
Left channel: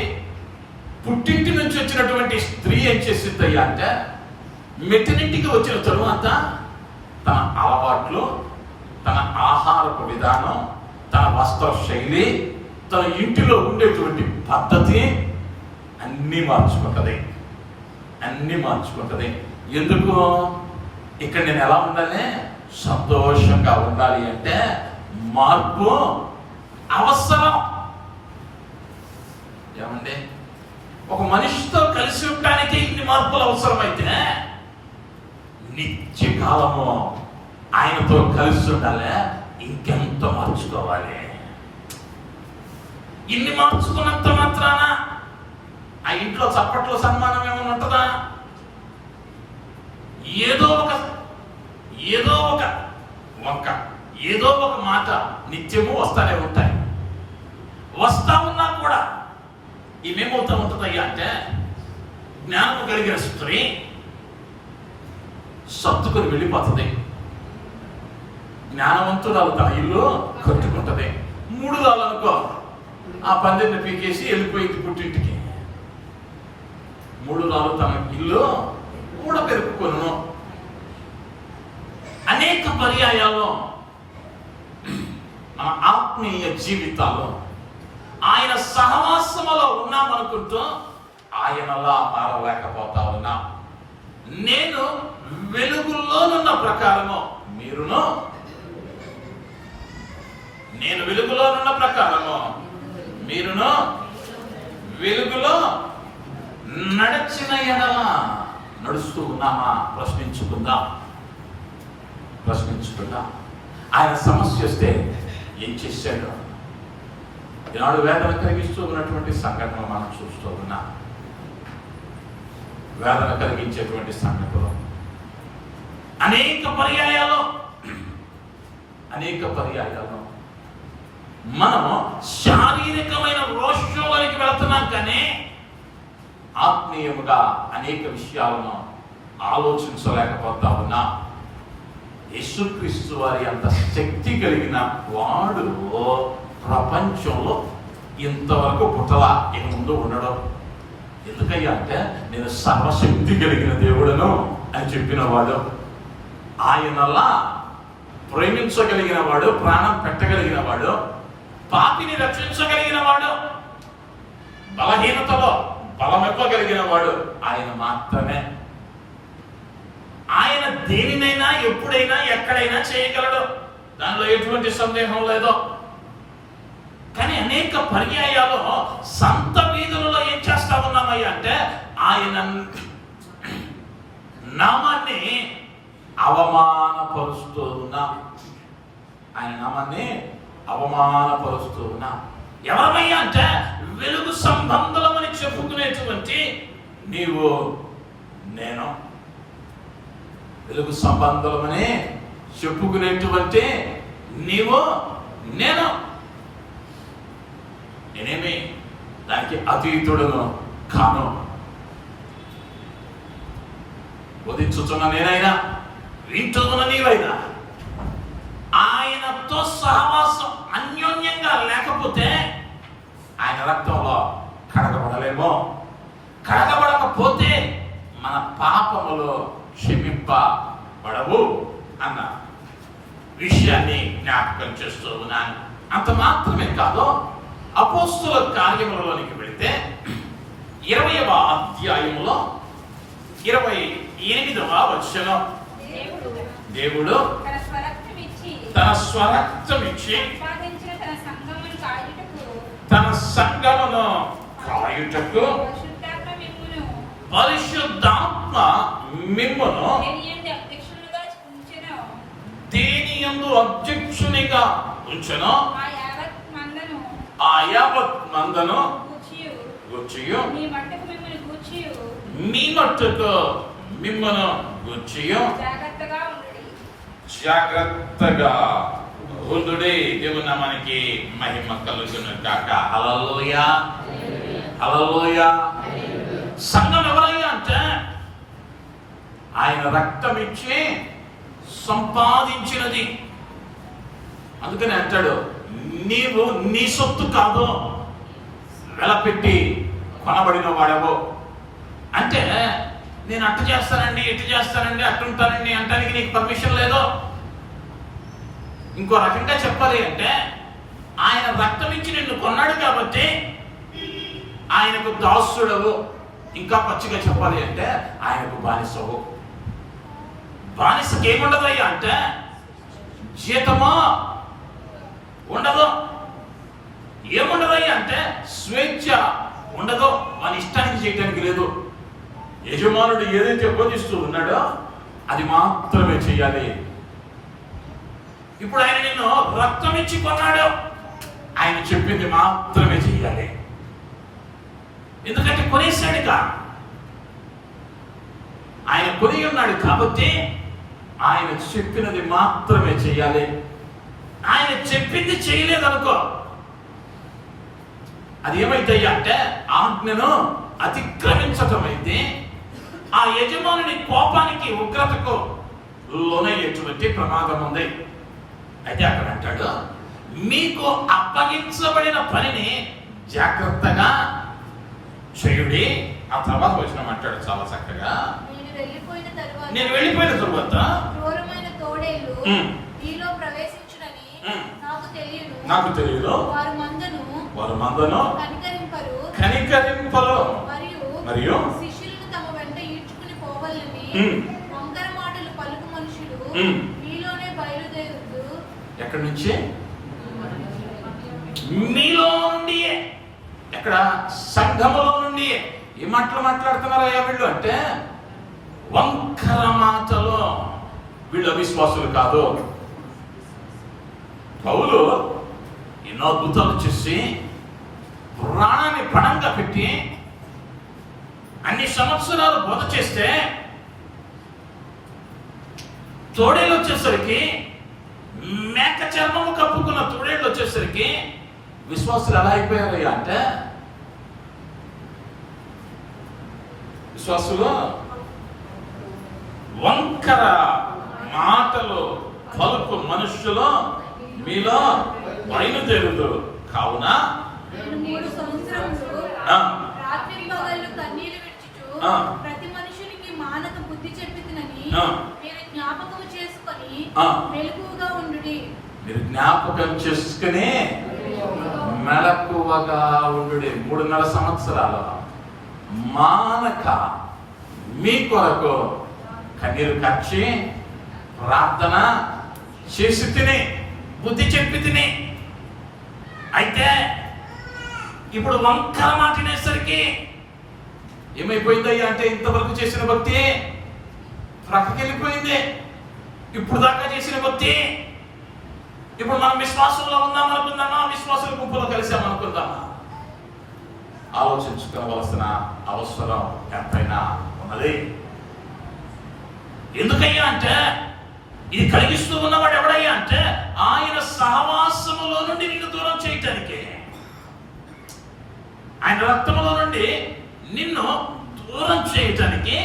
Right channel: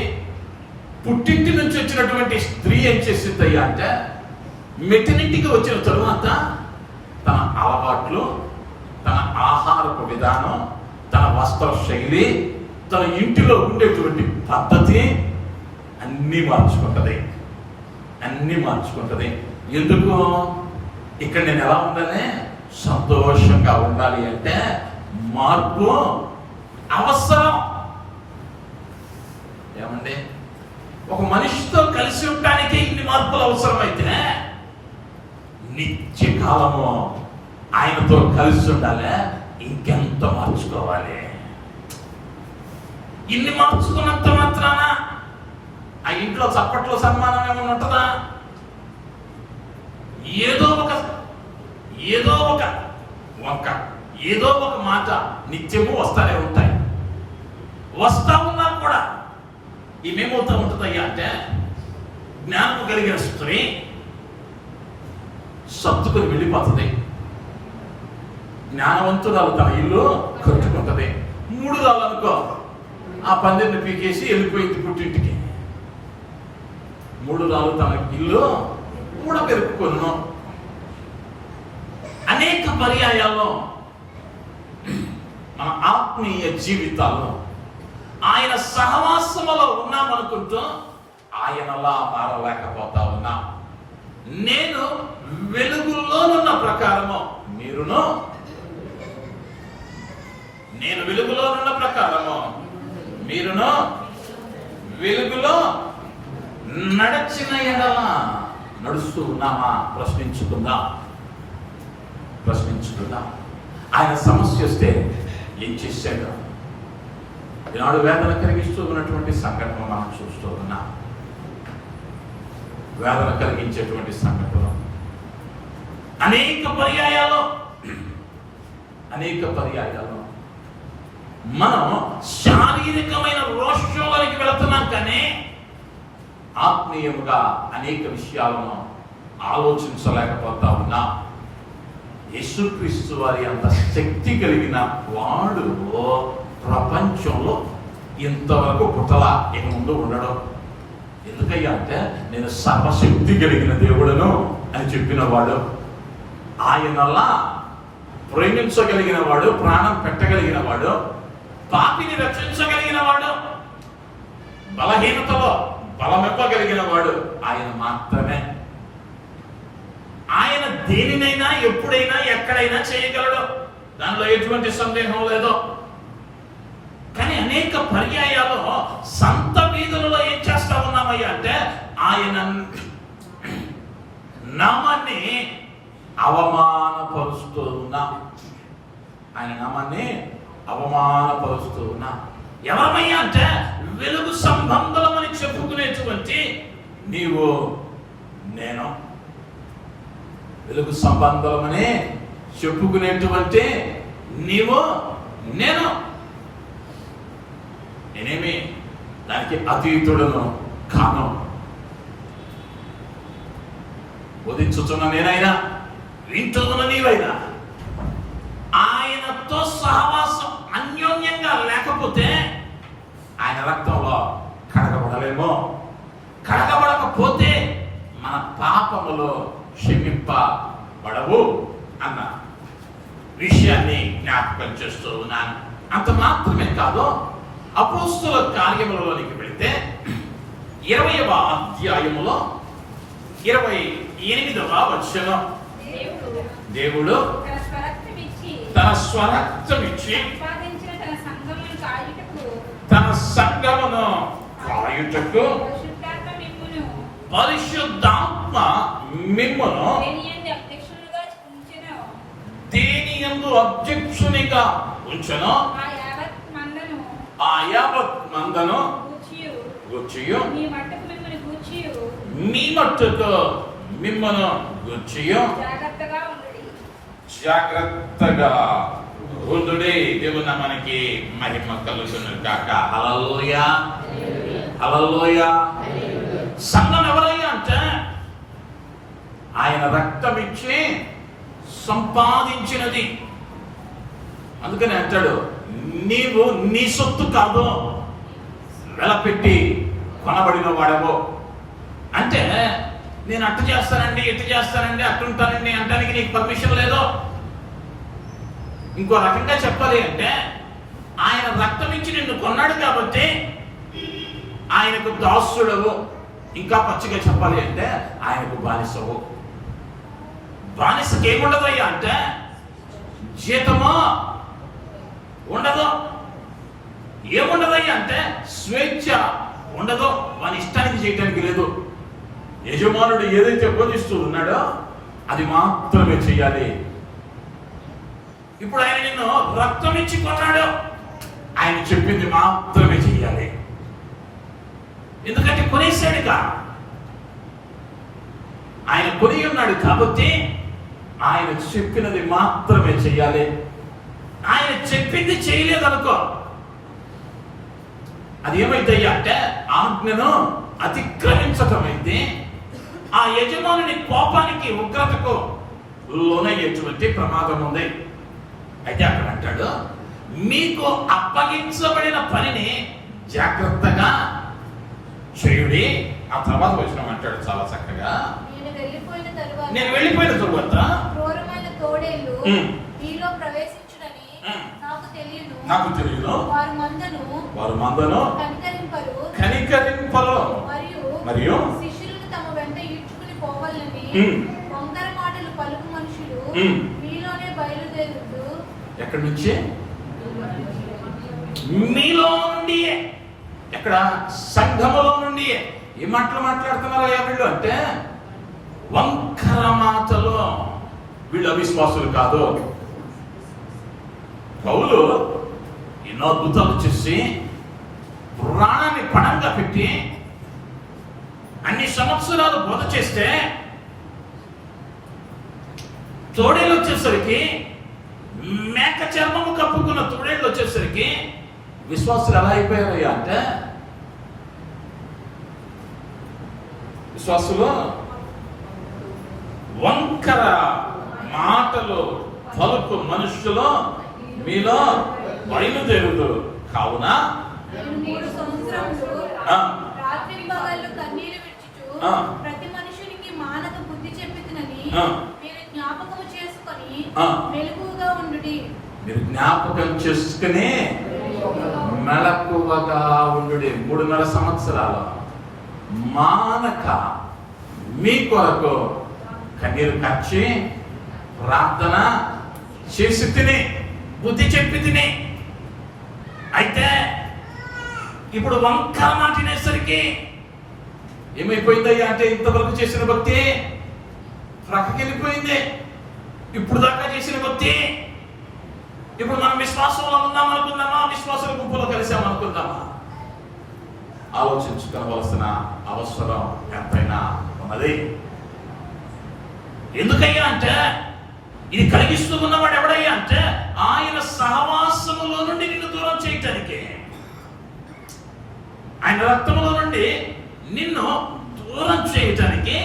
పుట్టింటి నుంచి వచ్చినటువంటి స్త్రీ ఏం చేసిందయ్యా అంటే మెట్టినింటికి వచ్చిన తరువాత తన అలవాట్లు, తన ఆహారపు విధానం, తన వస్త్ర శైలి, తన ఇంటిలో ఉండేటువంటి పద్ధతి అన్నీ మార్చుకుంటది. ఎందుకు? ఇక్కడ నేను ఎలా ఉండాలి? సంతోషంగా ఉండాలి అంటే మార్పు అవసరం. ఏమండి, ఒక మనిషితో కలిసి ఉండడానికి ఇన్ని మార్పులు అవసరమైతే నిత్య కాలము ఆయనతో కలిసి ఉండాలి, ఇంకెంత మార్చుకోవాలి. ఇన్ని మార్చుకున్నంత మాత్రాన ఆ ఇంట్లో చప్పట్లో సన్మానం ఏమైనా ఉంటుందా? ఏదో ఒక మాట నిత్యము వస్తానే ఉంటాయి. వస్తా ఉన్నా కూడా ఇవేమవుతా ఉంటుందయ్యా అంటే జ్ఞానము కలిగిన స్త్రీ సర్దుకొని వెళ్ళిపోతుంది. జ్ఞానవంతురాలు తన ఇల్లు కట్టుకుంటది. 3 రాళ్ళు అనుకో, ఆ పందిరిని పీకేసి వెళ్ళిపోయింది పుట్టింటికి. 3 రాళ్ళు తన ఇల్లు కూడా పెరుపుకొను. అనేక పర్యాయాల్లో మన ఆత్మీయ జీవితాల్లో ఆయన సహవాసములో ఉన్నామనుకుంటూ ఆయనలా మారలేకపోతా ఉన్నా. నేను వెలుగులోనున్న ప్రకారము మీరును, నేను వెలుగులోనున్న ప్రకారము మీరును వెలుగులో నడచిన ఎడల నడుస్తూ ఉన్నామా? ప్రశ్నించుకుందా. ఆయన సమస్య వస్తే ఏం చేశాడు? ఈనాడు వేదన కలిగిస్తూ ఉన్నటువంటి సంఘటన మనం చూస్తూ ఉన్నాం. వేదన కలిగించేటువంటి సంఘటన అనేక పర్యాయాలు మనం శారీరకమైన రోషంలోకి వెళుతున్నాం, కానీ ఆత్మీయముగా అనేక విషయాలను ఆలోచించలేకపోతా ఉన్నా. యేసుక్రీస్తు వారి అంత శక్తి కలిగిన వాడు ప్రపంచంలో ఇంతవరకు పుట్టలా, ఇక ముందు ఉండడం. ఎందుకయ్యా అంటే నేను సర్వశక్తి కలిగిన దేవుడను అని చెప్పిన వాడు, ఆయనలా ప్రేమించగలిగిన వాడు, ప్రాణం పెట్టగలిగిన వాడు, పాపిని రక్షించగలిగిన వాడు, బలహీనతలో బలమివ్వగలిగిన వాడు ఆయన మాత్రమే. ఆయన దేనినైనా ఎప్పుడైనా ఎక్కడైనా చేయగలడు, దానిలో ఎటువంటి సందేహం లేదు. కానీ అనేక పర్యాయాలు సంత వీధులలో ఏం చేస్తా ఉన్నామయ్యా అంటే ఆయన నామాన్ని అవమానపరుస్తూ ఉన్నాం. ఎవరమయ్యా అంటే వెలుగు సంబంధమని చెప్పుకునేటువంటి నీవు నేను, వెలుగు సంబంధమని చెప్పుకునేటువంటి నీవు నేను. నేనేమి దానికి అతీతుడను కాను. బోధించుతున్న నేనైనా, వింటున్న నీవైనా ఆయనతో సహవాసం అన్యోన్యంగా లేకపోతే ఆయన రక్తంలో కడగబడలేమో. కడగబడకపోతే మన పాపములు క్షమింపబడవు అన్న విషయాన్ని జ్ఞాపకం చేస్తూ ఉన్నాను. అంత మాత్రమే కాదు, అపోస్తుల కార్యములలోనికి వెళితే 20వ అధ్యాయములో 28వ వచనం, దేవుడు తన స్వరక్తమిచ్చి తన సంఘమును కాయుటకు పరిశుద్ధాత్మ మిమ్మును దేని యందు అధ్యక్షునిగా ఉంచెను, ఆ యావత్ మందను గూర్చియు మీ మట్టుకు మిమ్మను గూర్చియు జాగ్రత్తగా ఉండుడి. దేవుని నామానికి మహిమ కలుగును గాక. హల్లెలూయా, హల్లెలూయా. సంఘం ఎవరయ్యా అంటే ఆయన రక్తం ఇచ్చి సంపాదించినది. అందుకని అంటాడు, నీవు నీ సొత్తు కాదు, వెలపెట్టి కొనబడిన వాడవు. అంటే నేను అట్టు చేస్తానండి, ఇటు చేస్తానండి, అట్టుంటానండి అంటానికి నీకు పర్మిషన్ లేదు. ఇంకో రకంగా చెప్పాలి అంటే ఆయన రక్తం ఇచ్చి నిన్ను కొన్నాడు కాబట్టి ఆయనకు దాసుడవు. ఇంకా పచ్చిగా చెప్పాలి అంటే ఆయనకు బానిసవు. బానిసకి ఏముండదయ్యా అంటే జీతమో ఉండదు, ఏముండదయ్యా అంటే స్వేచ్ఛ ఉండదు, వాని ఇష్టానికి చేయడానికి లేదు. యజమానుడు ఏదైతే బోధిస్తూ ఉన్నాడో అది మాత్రమే చెయ్యాలి. ఇప్పుడు ఆయన నిన్ను రక్తం ఇచ్చి కొన్నాడు, ఆయన చెప్పింది మాత్రమే చెయ్యాలి. ఎందుకంటే కొనేసాడుగా, ఆయన కొని ఉన్నాడు కాబట్టి ఆయన చెప్పినది మాత్రమే చెయ్యాలి. ఆయన చెప్పింది చేయలేదనుకో, అది ఏమైతే అంటే ఆజ్ఞను అతిక్రమించటమైతే ఆ యజమానుని కోపానికి ఉగ్రతకు లోనయ్యేటువంటి ప్రమాదం ఉంది. అయితే అక్కడ అంటాడు, మీకు అప్పగించబడిన పనిని జాగ్రత్తగా చేయుడి. ఆ తర్వాత వచ్చిన అంటాడు చాలా చక్కగా, నేను వెళ్ళిపోయిన తరువాత క్రూరమైన తోడేళ్ళు మీలో ప్రవేశించునని నాకు తెలియదు. వారు మందను కనికరింపరు మరియు శిష్యులను తమ వెంట ఈడ్చుకుని పోవాలని వంకర మాటలు పలుకు మనుషులు మీలోనే బయలుదేరుతూ. ఎక్కడి నుంచి? మీలో నుండి. ఎక్కడ? సంఘములో నుండి. ఏ మాటలు మాట్లాడుతున్నారా వీళ్ళు అంటే, వంకర మాటలు. వీళ్ళు అవిశ్వాసులు కాదు. పౌలు ఎన్నో అద్భుతాలు చేసి ప్రాణాన్ని పణంగా పెట్టి అన్ని సంవత్సరాలు బోధ చేస్తే, తోడేళ్ళు వచ్చేసరికి, మేక చర్మము కప్పుకున్న తోడేళ్ళు వచ్చేసరికి విశ్వాసులు ఎలా అయిపోయారయ్యా అంటే, విశ్వాసులు వంకర మాటలు పలుకు మనుషులు మీలో బయలుదేరుదు. కావున ప్రతి మనుషునికి మానక బుద్ధి చెప్పినని మీరు జ్ఞాపకం చేసుకొని మెలకువగా ఉండుడి. మీరు జ్ఞాపకం చేసుకుని మెలకువగా ఉండుడి. 3.5 సంవత్సరాలు మానక మీ కొరకు కన్నీరు కచ్చి ప్రార్థన చేసి తిని బుద్ధి చెప్పి తిని. అయితే ఇప్పుడు వంకర మాటినేసరికి ఏమైపోయిందయ్యా అంటే, ఇంతవరకు చేసిన భక్తి ప్రక్కకి వెళ్ళిపోయింది. ఇప్పుడు దాకా చేసిన భక్తి ఇప్పుడు మనం విశ్వాసంలో ఉందాం అనుకుందామా, విశ్వాసుల గుంపులో కలిసామనుకుందామా? ఆలోచించుకోవలసిన అవసరం ఎంతైనా ఉన్నది. ఎందుకయ్యా అంటే, ఇది కలిగిస్తూ ఉన్నవాడు ఎవడయ్యా అంటే, ఆయన సహవాసములో నుండి నిన్ను దూరం చేయటానికి, ఆయన రక్తములో నుండి నిన్ను దూరం చేయటానికి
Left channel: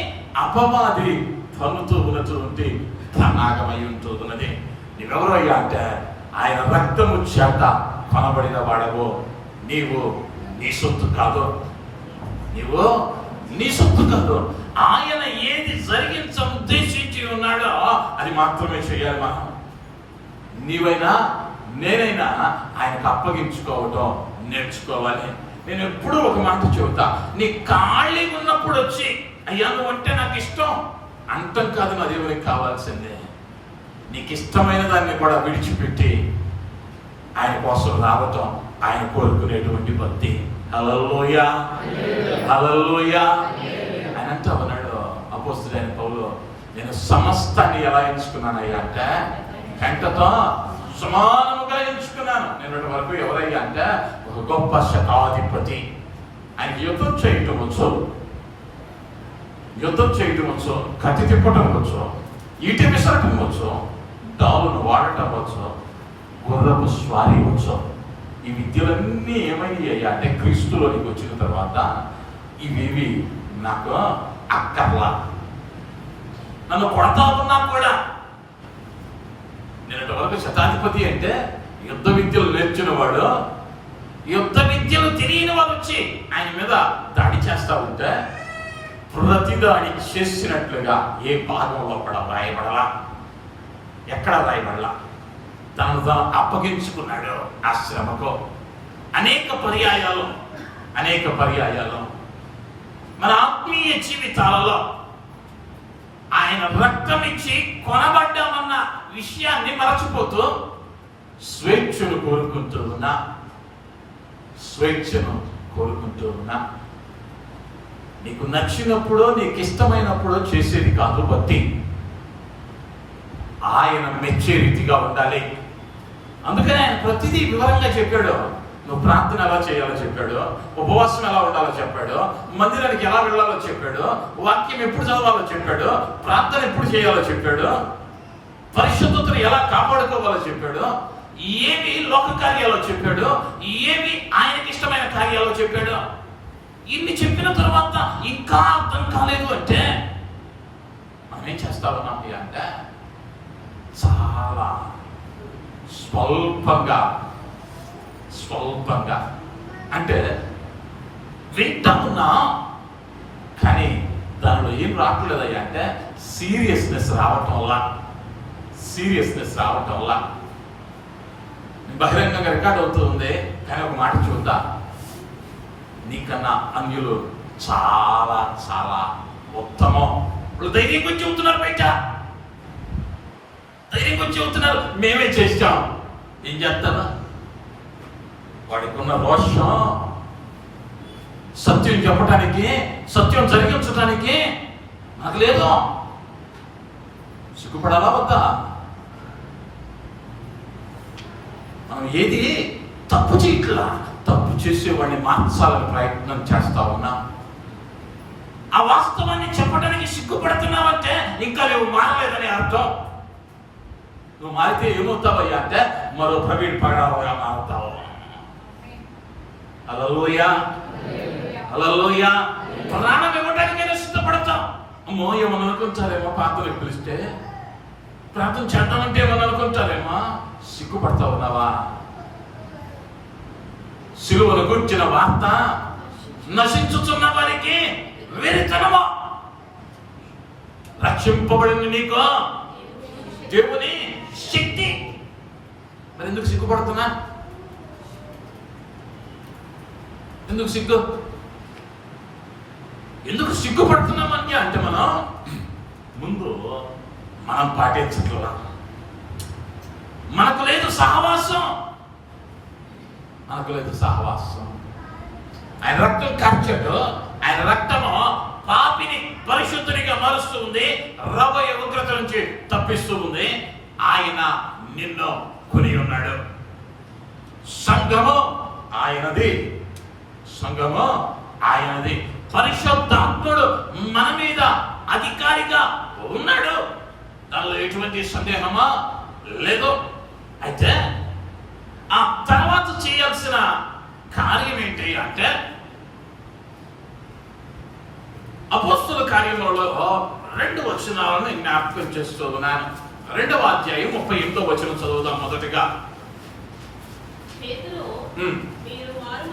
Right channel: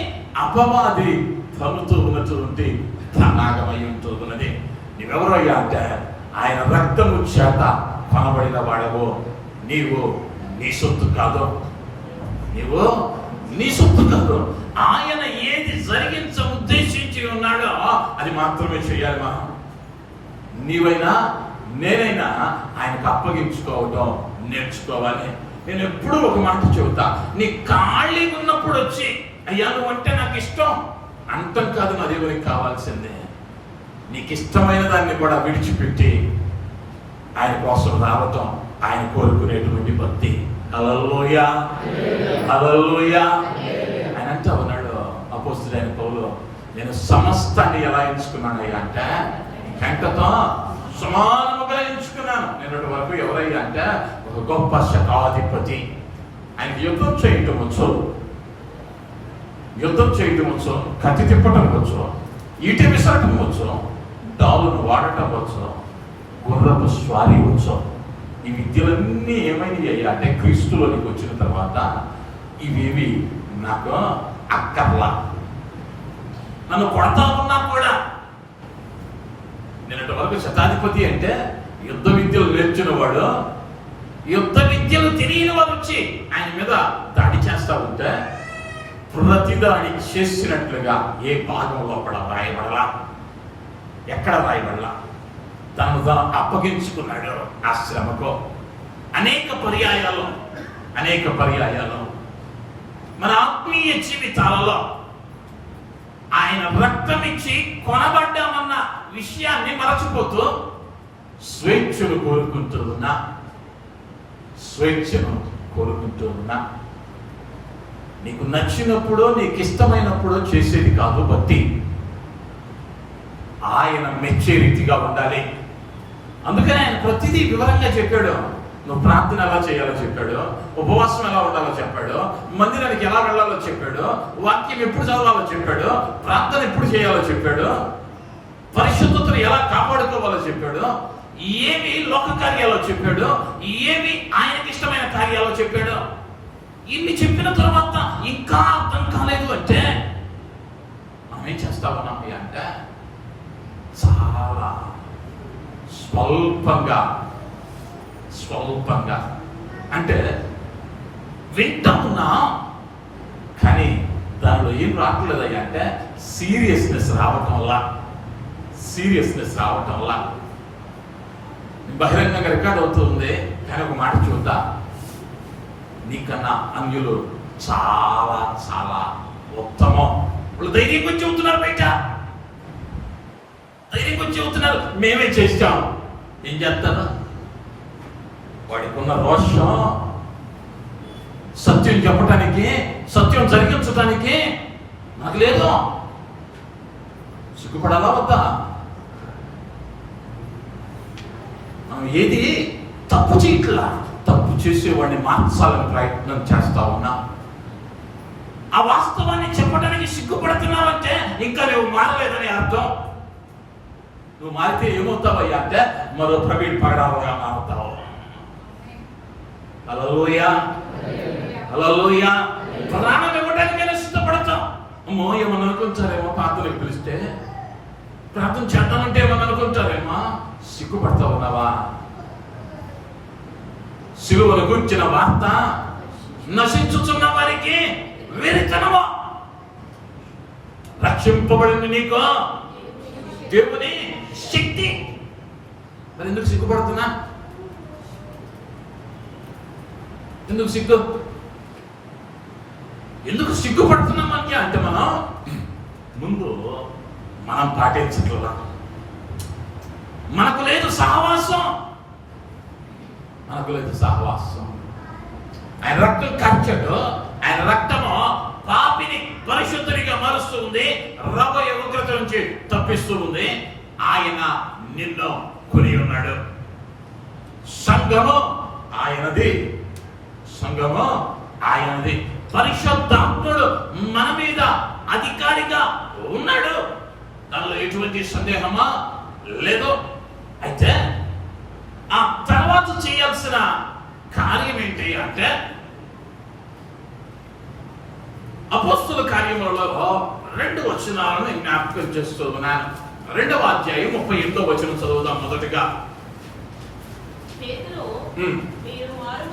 అపవాది పన్నుతూ ఉన్నటువంటి ప్రణాగమై ఉంటూ ఉన్నది. నీవెవరయ్యా అంటే, ఆయన రక్తము చేత కొనబడిన వాడవు. నీవు నీ సొత్తు కాదు. నీవు నీ సొత్తు కాదు. ఆయన ఏది జరిగించ ఉద్దేశించి ఉన్నాడో అది మాత్రమే చేయాలి. మనం నీవైనా నేనైనా ఆయనకు అప్పగించుకోవటం నేర్చుకోవాలి. నేను ఎప్పుడూ ఒక మాట చెబుతా, నీ ఖాళీ ఉన్నప్పుడు వచ్చి అయ్యా నువ్వంటే నాకు ఇష్టం అంతం కాదు, నా దేవునికి కావాల్సిందే. నీకు ఇష్టమైన దాన్ని కూడా విడిచిపెట్టి ఆయన కోసం రావటం ఆయన కోరుకునేటువంటి భక్తి. హల్లెలూయా, హల్లెలూయా. ఆయన అంటూ ఉన్నాడు అపోస్తలుడైన పౌలు, నేను సమస్తాన్ని ఎలా ఎంచుకున్నానయ్యా అంటే, వెంటతో సమానముగా ఎంచుకున్నాను. నేను వరకు ఎవరయ్యా అంటే, ఒక గొప్ప శతాధిపతి. ఆయనకి యుద్ధం చేయటం వచ్చు, కత్తి తిప్పటం వచ్చు, ఈటి విసరటం వచ్చు, డాలును వాడటం వచ్చు, గుర్రపు స్వారీ వచ్చు. ఈ విద్యలన్నీ ఏమైనాయి అంటే, క్రీస్తులోనికి వచ్చిన తర్వాత ఇవేవి నాకు అక్కర్లా. నన్ను కొడతా ఉన్నా కూడా, నేను వరకు శతాధిపతి అంటే యుద్ధ విద్యలు నేర్చిన వాడు, యుద్ధ విద్యలు తెలియని వాడు వచ్చి ఆయన మీద దాడి చేస్తా ఉంటే, ప్రతి దాడి చేసినట్లుగా ఏ భాగంలో కూడా రాయబడలా, ఎక్కడ రాయబడలా. తనను తాను అప్పగించుకున్నాడు ఆ శ్రమకు. అనేక పర్యాయాలు మన ఆత్మీయ జీవితాలలో ఆయన రక్తం ఇచ్చి కొనబడ్డామన్న విషయాన్ని మరచిపోతూ స్వేచ్ఛను కోరుకుంటూ ఉన్నా. నీకు నచ్చినప్పుడు, నీకు ఇష్టమైనప్పుడు చేసేది కాదు భక్తి. ఆయన మెచ్చే రీతిగా ఉండాలి. అందుకని ఆయన ప్రతిదీ వివరంగా చెప్పాడు. నువ్వు ప్రార్థన ఎలా చేయాలో చెప్పాడు, ఉపవాసం ఎలా ఉండాలో చెప్పాడు, మందిరానికి ఎలా వెళ్ళాలో చెప్పాడు, వాక్యం ఎప్పుడు చదవాలో చెప్పాడు, ప్రార్థన ఎప్పుడు చేయాలో చెప్పాడు, పరిశుద్ధతను ఎలా కాపాడుకోవాలో చెప్పాడు, ఏమి లోక కార్యాలో చెప్పాడు, ఏమి ఆయనకి ఇష్టమైన కార్యాలో చెప్పాడు. ఇన్ని చెప్పిన తర్వాత ఇంకా అర్థం కాలేదు అంటే మనం ఏం చేస్తా ఉన్నాం అంటే, చాలా స్వల్పంగా అంటే వింటా ఉన్నా, కానీ దానిలో ఏం రావట్లేదయ్యా అంటే సీరియస్నెస్ రావటం వల్ల బహిరంగంగా రికార్డ్ అవుతుంది. కానీ ఒక మాట చూద్దా, నీకన్నా అన్యులు చాలా చాలా ఉత్తమం. వాళ్ళు ధైర్యం కొంచెం చెబుతున్నారు, బయట ధైర్యం కొంచెం చెబుతున్నారు, మేమే చేస్తాం. ఏం చేస్తాను? వాడికి ఉన్న రోషం సత్యం చెప్పటానికి, సత్యం జరిగించడానికి నాకు లేదు. సిగ్గుపడాలా వద్దా? మనం ఏది తప్పు చేయట్లా, తప్పు చేసేవాడిని మార్చాలని ప్రయత్నం చేస్తా ఉన్నా. ఆ వాస్తవాన్ని చెప్పడానికి సిగ్గుపడుతున్నావంటే ఇంకా నువ్వు మారలేదని అర్థం. నువ్వు మారితే ఏమవుతావయ్యా అంటే మరో ప్రవీణ్ పగడాలుగా మారుతావు. హల్లెలూయా. ప్రాణం ఇవ్వడానికైనా సిద్ధపడతాం. అమ్మో ఏమని అనుకుంటారేమో, ప్రార్థనకు పిలిస్తే ప్రార్థన చేద్దామంటే ఏమని అనుకుంటారేమో. సిగ్గుపడతా ఉన్నావా? సిలువను గురించిన వార్త నశించుతున్న వారికి వెరితనము, రక్షింపబడిన నీకు దేవుని శక్తి. మరి ఎందుకు సిగ్గుపడుతున్నా? ఎందుకు సిగ్గుపడుతున్నామని అంటే మనం ముందు మనం పాటించట్లా. మనకు లేదు సహవాసం. ఆయన రక్తం కార్చాడు. ఆయన రక్తము పాపిని పరిశుద్ధునిగా మారుస్తూ ఉంది, రాబోయే ఉగ్రత నుంచి తప్పిస్తూ ఉంది. ఆయన నిన్ను కొని ఉన్నాడు. సంఘము ఆయనది. పరిశుద్ధాత్ముడు మన మీద అధికారిగా ఉన్నాడు. దానిలో ఎటువంటి సందేహమా లేదు. అయితే ఆ తర్వాత చేయాల్సిన కార్యం ఏంటి అంటే, అపోస్తుల కార్యములలో 2 వచనాలను జ్ఞాపకం చేస్తూ ఉన్నాను. 2వ అధ్యాయం 38వ వచనం చదువుదాం. మొదటిగా, పేతురు, మీరు మారు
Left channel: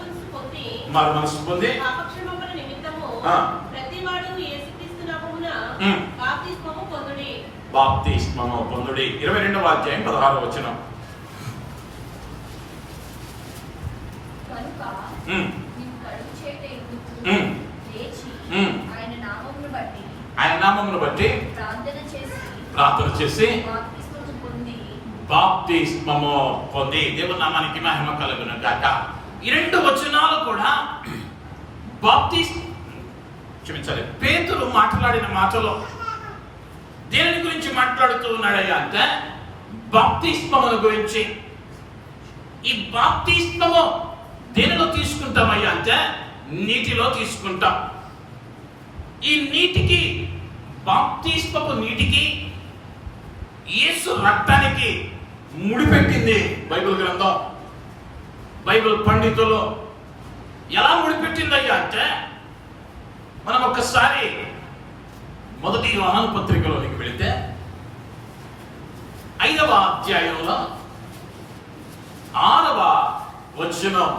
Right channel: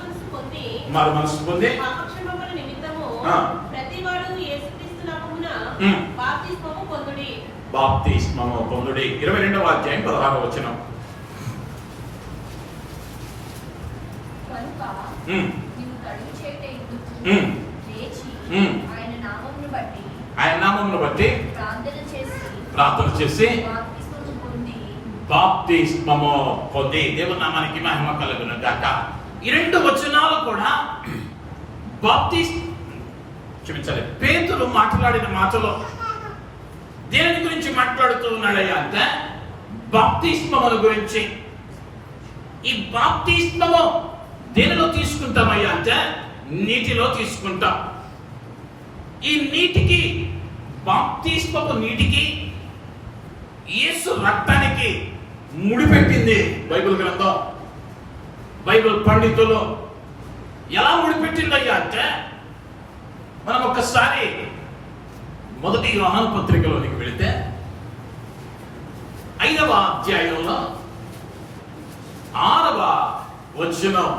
మనసు పొంది పాపక్షమాపణ నిమిత్తము ప్రతివాడు యేసుక్రీస్తు నామమున బాప్తిస్మము పొందుడి. 22వ అధ్యాయం 16వ వచనం. ఆయన నామమును బట్టి ప్రార్థన చేసి బాప్తిస్మము పొంది. దేవుని నామానికి మహిమ కలుగును గాక. ఈ 2 వచనాలు కూడా పేతురు మాట్లాడిన మాటలో దేని గురించి మాట్లాడుతూ ఉన్నాడయ్యా అంటే బాప్తిస్మముల గురించి. ఈ బాప్తిస్మము దేనిలో తీసుకుంటామయ్యా అంటే నీటిలో తీసుకుంటాం. ఈ నీటికి, బాప్తిస్మము నీటికి యేసు రక్తానికి ముడిపెట్టింది బైబిల్ గ్రంథం. బైబిల్ పండితులు ఎలా ముడిపెట్టిందయ్యా అంటే, మనం ఒక్కసారి 1 యోహాను పత్రికలోనికి వెళితే 5వ అధ్యాయంలో 6వ వచనం,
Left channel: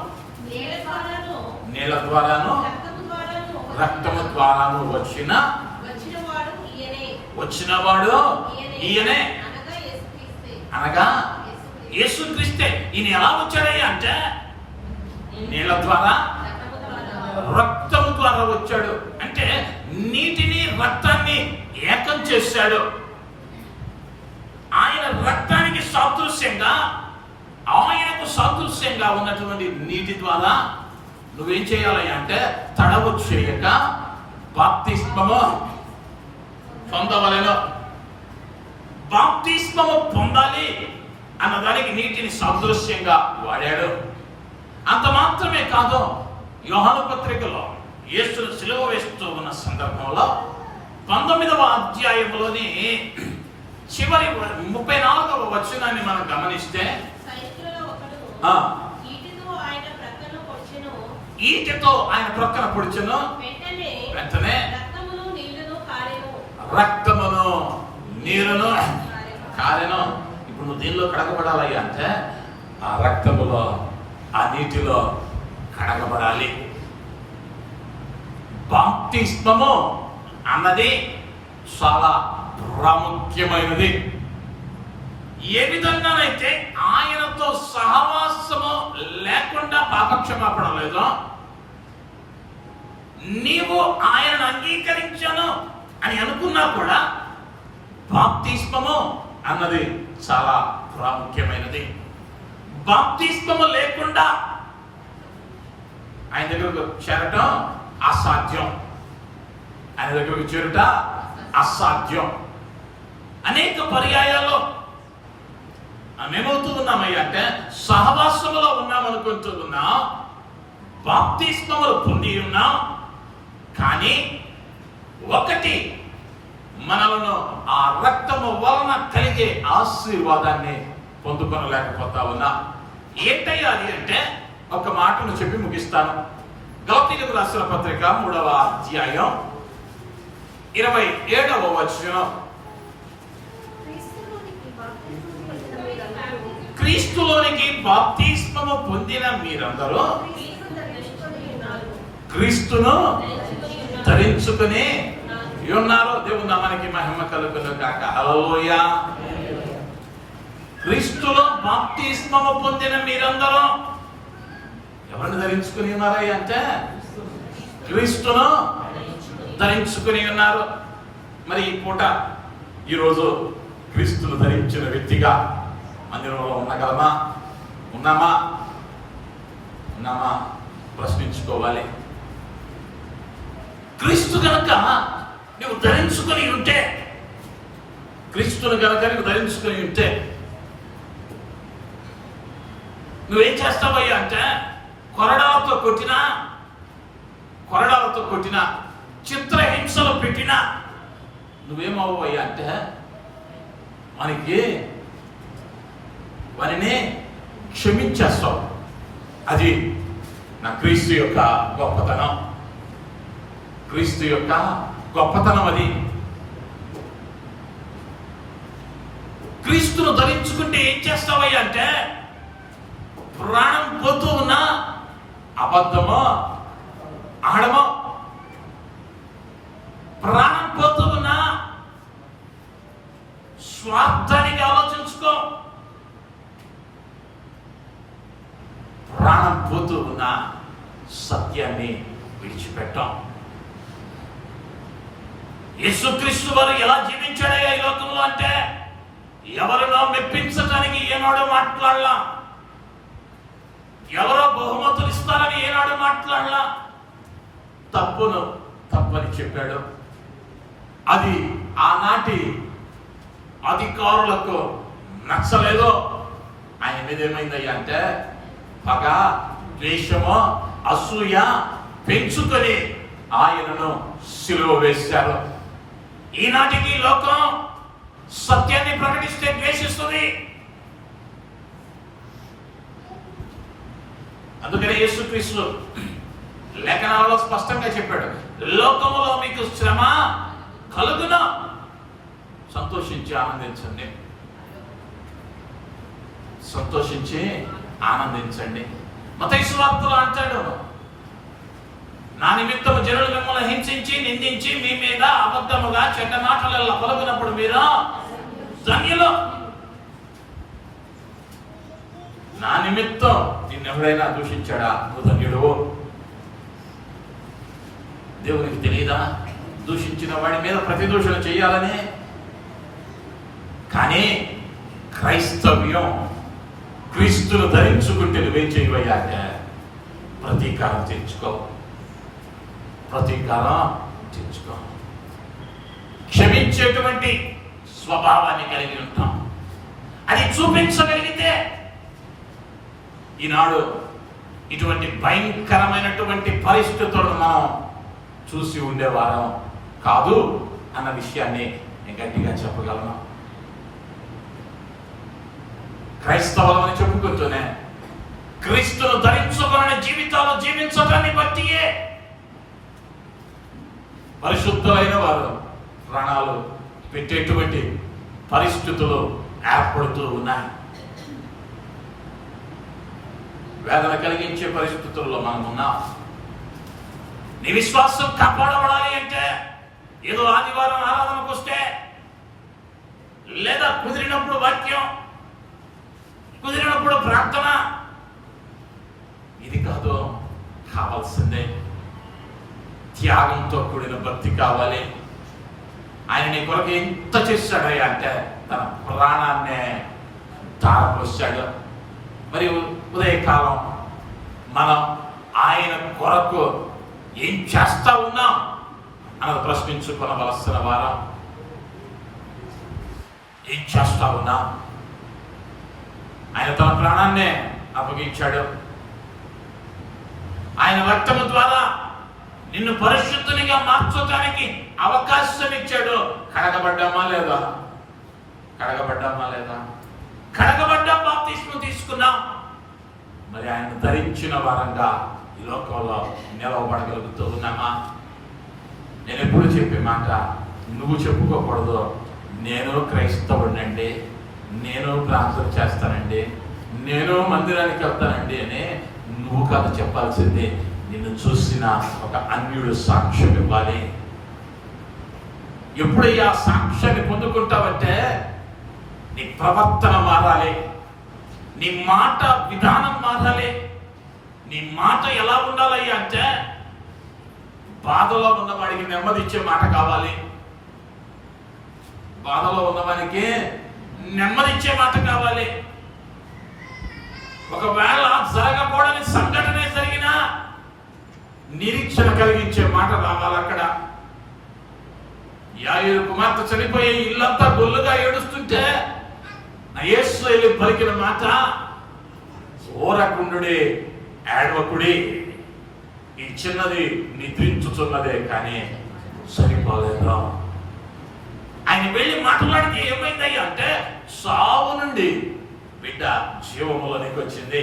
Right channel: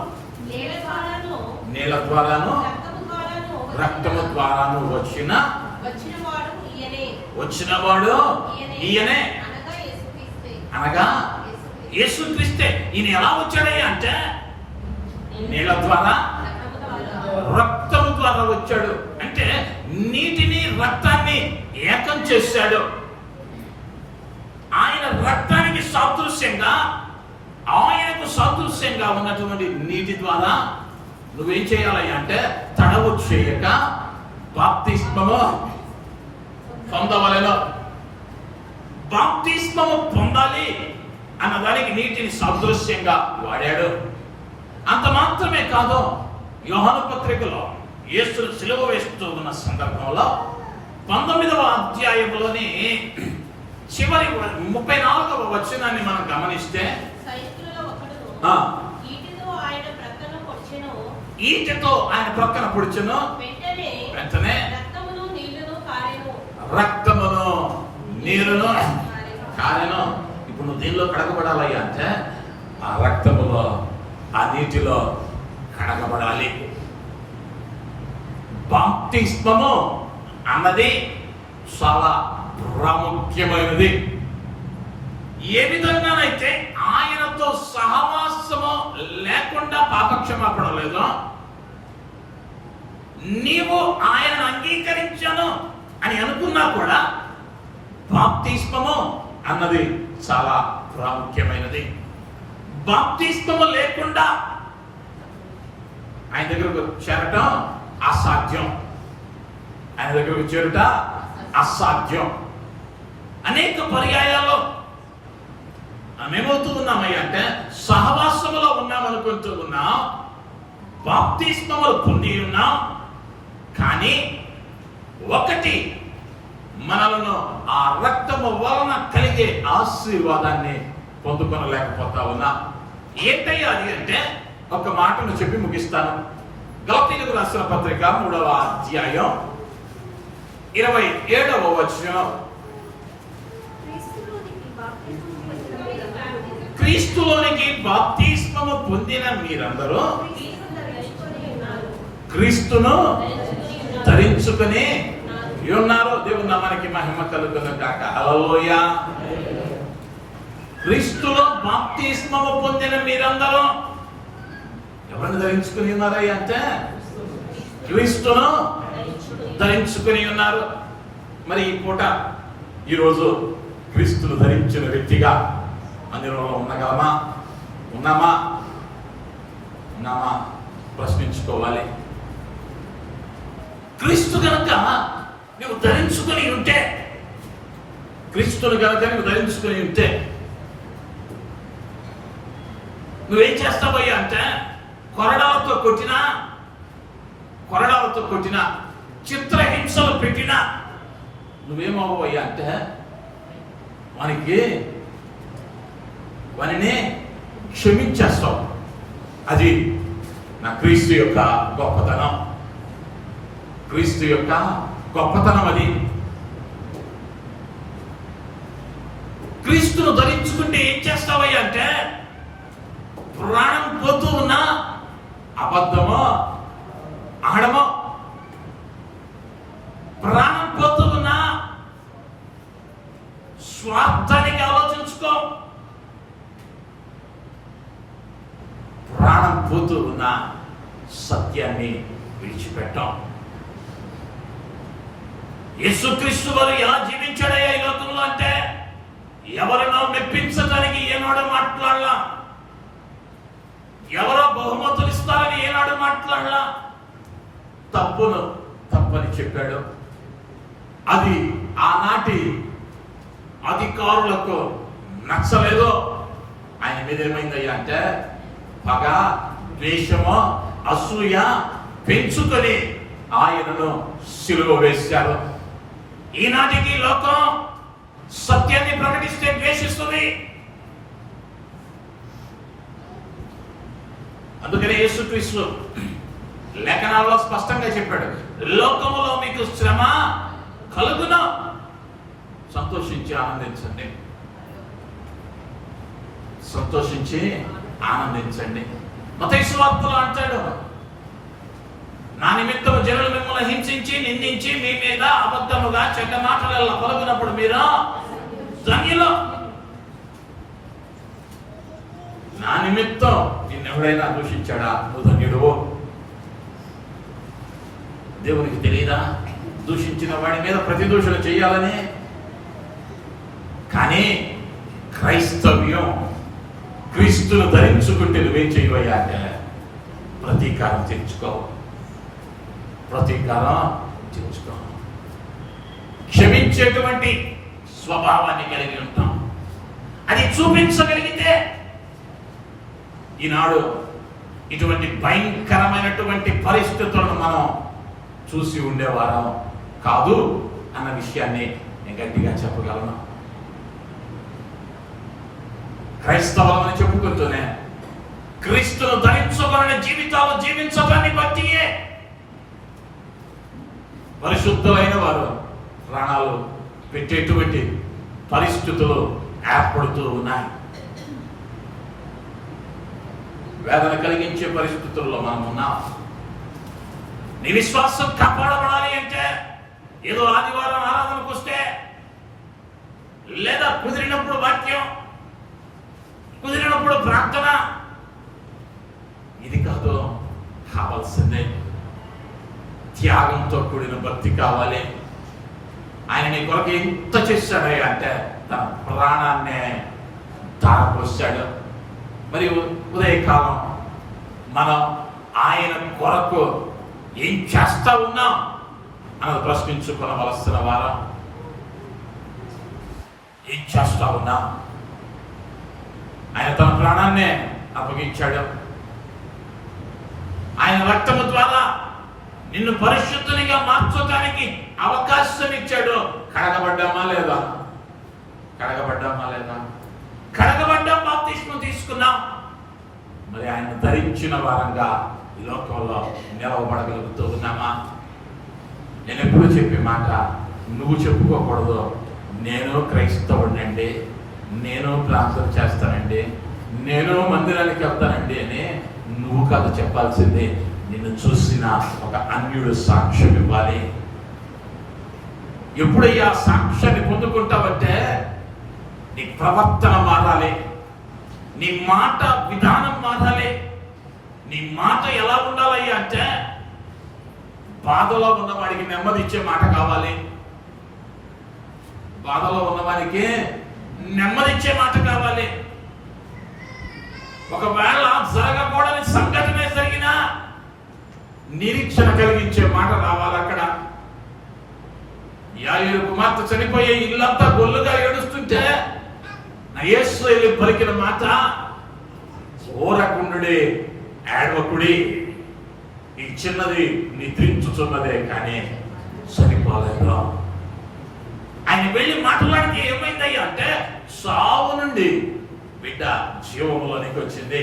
నేల ద్వారాను రక్తము ద్వారాను వచ్చినవాడు ఈయనే, అనగా యేసుక్రీస్తే. ఈయన ఎలా వచ్చాడయ్యా అంటే నీళ్ళ ద్వారా, రక్తము ద్వారా వచ్చాడు. అంటే నీటిని రక్తాన్ని ఏకం చేశాడు. ఆయన రక్తానికి సాదృశ్యంగా, ఆయనకు సాదృశ్యంగా ఉన్నటువంటి నీటి ద్వారా నువ్వేం చేయాలి అంటే తడవు చేయక బాప్తిస్మము పొందవలెను. బాప్తిస్మము పొందాలి అన్నదానికి నీటిని సాదృశ్యంగా వాడాడు. అంత మాత్రమే కాదు, యోహాను పత్రికలో యేసును సిలువ వేస్తూ ఉన్న సందర్భంలో 19వ అధ్యాయంలోని చివరి 34వ వచనాన్ని మనం గమనిస్తే, ఈటెతో ఆయన ప్రక్కన పొడిచెను, వెంటనే రక్తమును నీరును కారెను. ఇప్పుడు నువ్వు దీనిలో కడగబడాలయ్యా అంటే ఆ రక్తములో, ఆ నీటిలో కడగబడాలి. బాప్తిస్మము అన్నది చాలా ప్రాముఖ్యమైనది. ఏ విధంగానైతే ఆయనతో సహవాసము లేకుండా పాపక్షమాపణ లేదో, నీవు ఆయనను అంగీకరించాను అని అనుకున్నా కూడా బాప్తిస్మము అన్నది చాలా ప్రాముఖ్యమైనది. బాప్తిస్మము లేకుండా ఆయన దగ్గరకు చేరటం అసాధ్యం. ఆయన దగ్గరకు చేరుట అసాధ్యం. అనేక పర్యాయాల్లో మేమవుతూ ఉన్నామయ్యా అంటే సహవాసములో ఉన్నామనుకుంటూ ఉన్నాం, బాప్తిస్మములు పొంది ఉన్నాం, కానీ ఒకటి మనలను ఆ రక్తము వలన కలిగే ఆశీర్వాదాన్ని పొందుకొనలేకపోతా ఉన్నా. ఏంటయ్యా అది అంటే ఒక మాటను చెప్పి ముగిస్తాను. గలతీయులకు రాసిన పత్రిక 3వ అధ్యాయం 27వ వచనం. క్రీస్తులోనికి బాప్తిస్మము పొందిన మీరందరూ క్రీస్తును ధరించుకుని ఉన్నారు. దేవుని నామానికి మహిమ కలుగును గాక. హల్లెలూయా. క్రీస్తులో బాప్తిస్మము పొందిన మీరందరూ ఎవరిని ధరించుకుని ఉన్నారయ్య అంటే క్రీస్తును ధరించుకుని ఉన్నారు. మరి ఈ పూట ఈరోజు క్రీస్తును ధరించిన వ్యక్తిగా మందిరంలో ఉన్నామా ప్రశ్నించుకోవాలి. క్రీస్తు గనక నువ్వు ధరించుకొని ఉంటే, క్రీస్తుని గనక నువ్వు ధరించుకొని ఉంటే నువ్వేం చేస్తావయ్యా అంటే కొరడాలతో కొట్టినా చిత్రహింసలు పెట్టినా నువ్వేమవ్వయ్యా అంటే వానిని క్షమించేస్తావు. అది నా క్రీస్తు యొక్క గొప్పతనం. క్రీస్తు యొక్క గొప్పతనం అది. క్రీస్తును ధరించుకుంటే ఏం చేస్తావయ్యా అంటే ప్రాణం పోతూ ఉన్నా అబద్ధమో ఆడమో, ప్రాణం పోతూ ఉన్నా స్వార్థానికి ఆలోచించుకో, ప్రాణం పోతూ ఉన్న సత్యాన్ని విడిచిపెట్టాం. యేసుక్రీస్తు వారు ఎలా జీవించాడయ్యా ఈ లోకంలో అంటే ఎవరినో మెప్పించడానికి ఏనాడు మాట్లాడలా, ఎవరో బహుమతులు ఇస్తారని ఏనాడు మాట్లాడలా. తప్పని చెప్పాడు. అది ఆనాటి అధికారులకు నచ్చలేదో ఆయన మీద ఏమైందయ్యా అంటే పగ, ద్వేషము, అసూయ పెంచుకొని ఆయనను సిలువ వేశారు. ఈనాటికి లోకం సత్యాన్ని ప్రకటిస్తే ద్వేషిస్తుంది. అందుకనే యేసుక్రీస్తు లేఖనాల్లో స్పష్టంగా చెప్పాడు, లోకములో మీకు శ్రమ కలుగును, సంతోషించి ఆనందించండి, సంతోషించి ఆనందించండి. మత్తయి సువార్తలో అంటాడు, నా నిమిత్తం జనులు మిమ్మల్ని హింసించి నిందించి మీ మీద అబద్ధముగా చెడ్డ మాటలలో పలుకున్నప్పుడు మీరు ధన్యులు. నా నిమిత్తం నిన్నెవడైనా దూషించాడా నువ్వు ధన్యుడు. దేవునికి తెలియదా దూషించిన వాడి మీద ప్రతిదూషణ చేయాలని? కానీ క్రైస్తవ్యం, క్రీస్తును ధరించుకుంటే నువ్వేం చేయవయ్యాక ప్రతీకారం తెచ్చుకో, క్షమించేటువంటి స్వభావాన్ని కలిగి ఉంటాం. అది చూపించగలిగితే ఈనాడు ఇటువంటి భయంకరమైనటువంటి పరిస్థితులను మనం చూసి ఉండేవారం కాదు అన్న విషయాన్ని నేను గట్టిగా చెప్పగలను. క్రైస్తవులని చెప్పుకుంటూనే క్రీస్తును ధరించుకునే జీవితాలు జీవించడాన్ని బట్టియే పరిశుద్ధమైన వారు ప్రాణాలు పెట్టేటువంటి పరిస్థితులు ఏర్పడుతూ ఉన్నాయి. వేదన కలిగించే పరిస్థితుల్లో మనం ఉన్నాం. నీ విశ్వాసం కాపాడబడాలి అంటే ఏదో ఆదివారం ఆరాధనకు వస్తే, లేదా కుదిరినప్పుడు వాక్యం, కుదిరినప్పుడు ప్రార్థన, ఇది కాదు కావాల్సిందే. త్యాగంతో కూడిన భక్తి కావాలి. ఆయన నీ కొరకు ఎంత చేశాడు అంటే తన ప్రాణాన్నే ధారపోశాడు. మరి ఉదయకాలం మనం ఆయన కొరకు ఏం చేస్తా ఉన్నాం అన్నది ప్రశ్నించుకోవలసిన వారం. ఏం చేస్తా ఉన్నాం? ఆయన తన ప్రాణాన్నే అప్పగించాడు. ఆయన రక్తము ద్వారా నిన్ను పరిశుద్ధునిగా మార్చడానికి అవకాశం ఇచ్చాడు. కడగబడ్డామా లేదా? కడగబడ్డామా లేదా? కడగబడ్డాం, బాప్తిస్మం తీసుకున్నాం. మరి ఆయన ధరించిన వారంగా ఈ లోకంలో నిలవబడగలుగుతూ ఉన్నామా? నేను ఎప్పుడు చెప్పే మాట, నువ్వు చెప్పుకోకూడదు, నేను క్రైస్తవుడినండి, నేను ప్రార్థన చేస్తానండి, నేను మందిరానికి వెళ్తానండి అని నువ్వు కాదు చెప్పాల్సింది. నిన్ను చూసిన ఒక అన్యుడు సాక్ష్యం ఇవ్వాలి. ఎప్పుడయ్యా సాక్ష్యాన్ని పొందుకుంటావంటే నీ ప్రవర్తన మారాలి, నీ మాట విధానం మారాలి. నీ మాట ఎలా ఉండాలయ్యా అంటే బాధలో ఉన్నవాడికి నెమ్మది ఇచ్చే మాట కావాలి. బాధలో ఉన్నవాడికి నెమ్మది ఇచ్చే మాట కావాలి. ఒకవేళ జరగకూడని సంఘటనే జరిగినా నిరీక్షణ కలిగించే మాట రావాలి. అక్కడ యాయేరు కుమార్తె చనిపోయే ఇల్లంతా గొల్లుగా ఏడుస్తుంటే నా యేసు వెళ్ళి పలికిన మాట, ఓరకుండుడి, ఏడవకుడి, ఈ చిన్నది నిద్రించుచున్నదే కానీ సరిపోలేదు. ఆయన వెళ్ళి మాట్లాడితే ఏమైందయ్యా అంటే సావు నుండి బిడ్డ జీవంలోనికి వచ్చింది.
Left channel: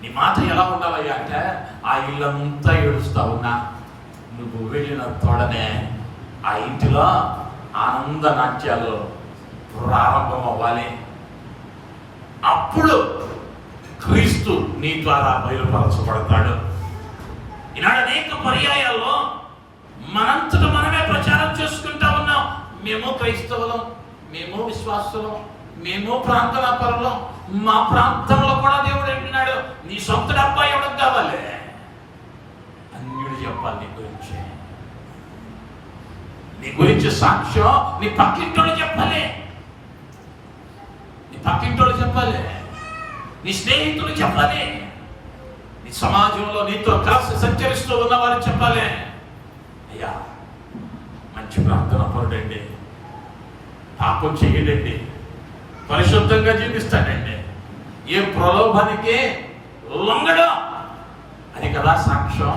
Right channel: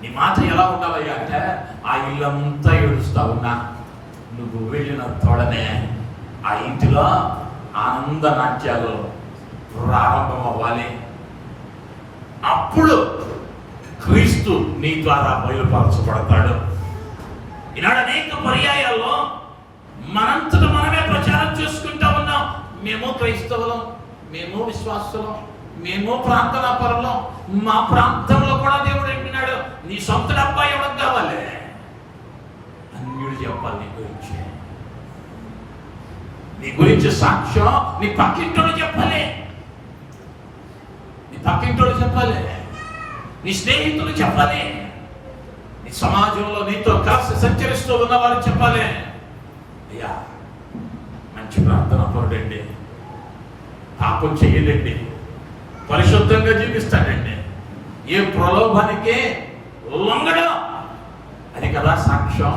నీ మాట ఎలా ఉండాలయ్యా అంటే ఆ ఇల్లంతా ఏడుస్తా ఉన్నా నువ్వు వెళ్ళిన తోడనే ఆ ఇంటిలో ఆనంద నాట్యాలు ప్రారంభం అవ్వాలి. అప్పుడు క్రీస్తు నీ ద్వారా బయలుపరచబడతాడు. ఈనాడు అనేక పర్యాయాల్లో మనంతట మనమే ప్రచారం చేసుకుంటా ఉన్నాం. మేము క్రైస్తవులం, మేము విశ్వాసులం, మేము ప్రాంతన పరులం, మా ప్రాంతంలో కూడా దేవుడు అంటున్నాడు. నీ సొంత డబ్బా ఎవరికి కావాలి? అన్యుడు చెప్పాలి నీ గురించి. నీ గురించి సాక్ష్యం నీ పక్కింటోడు చెప్పాలి, నీ పక్కింటోడు చెప్పాలి, నీ స్నేహితులు చెప్పాలి, నీ సమాజంలో నీతో కలిసి సంచరిస్తూ ఉన్నవారు చెప్పాలి. అయ్యా మంచి ప్రార్థన పరుడండి, పాపం చెయ్యలేండి, పరిశుద్ధంగా జీవిస్తాడండి, ఏ ప్రలోభానికి లొంగడు. అది కదా సాక్ష్యం,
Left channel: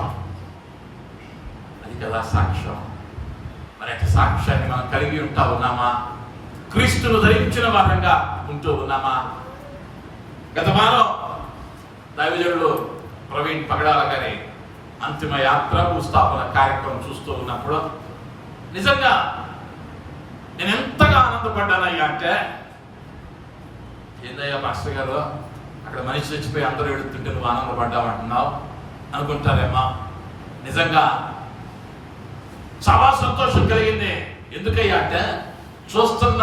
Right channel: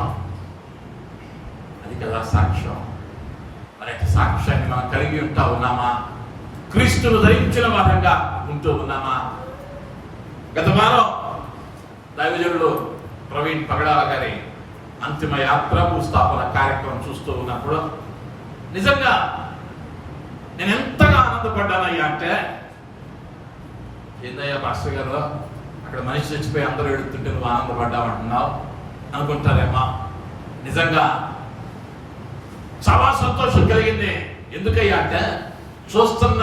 అది కదా సాక్ష్యం. మరి సాక్ష్యాన్ని మనం కలిగి ఉంటా ఉన్నామా? క్రీస్తును ధరించిన వారంగా ఉంటూ ఉన్నామా? గత వారం దైవజనుడు ప్రవీణ్ పగడాల గారి అంతిమ యాత్ర భూస్థాపన కార్యక్రమం చూస్తూ ఉన్నప్పుడు నిజంగా నేను ఎంతగా ఆనందపడ్డానయ్యా అంటే, ఏందయ్యా పాస్టర్ గారు అక్కడ మనిషి చచ్చిపోయి అందరూ ఎడుతుంటే నువ్వు ఆనందపడ్డావంటున్నావు అనుకుంటారేమా? నిజంగా చాలా సంతోషం కలిగింది. ఎందుకయ్యా అంటే చూస్తున్న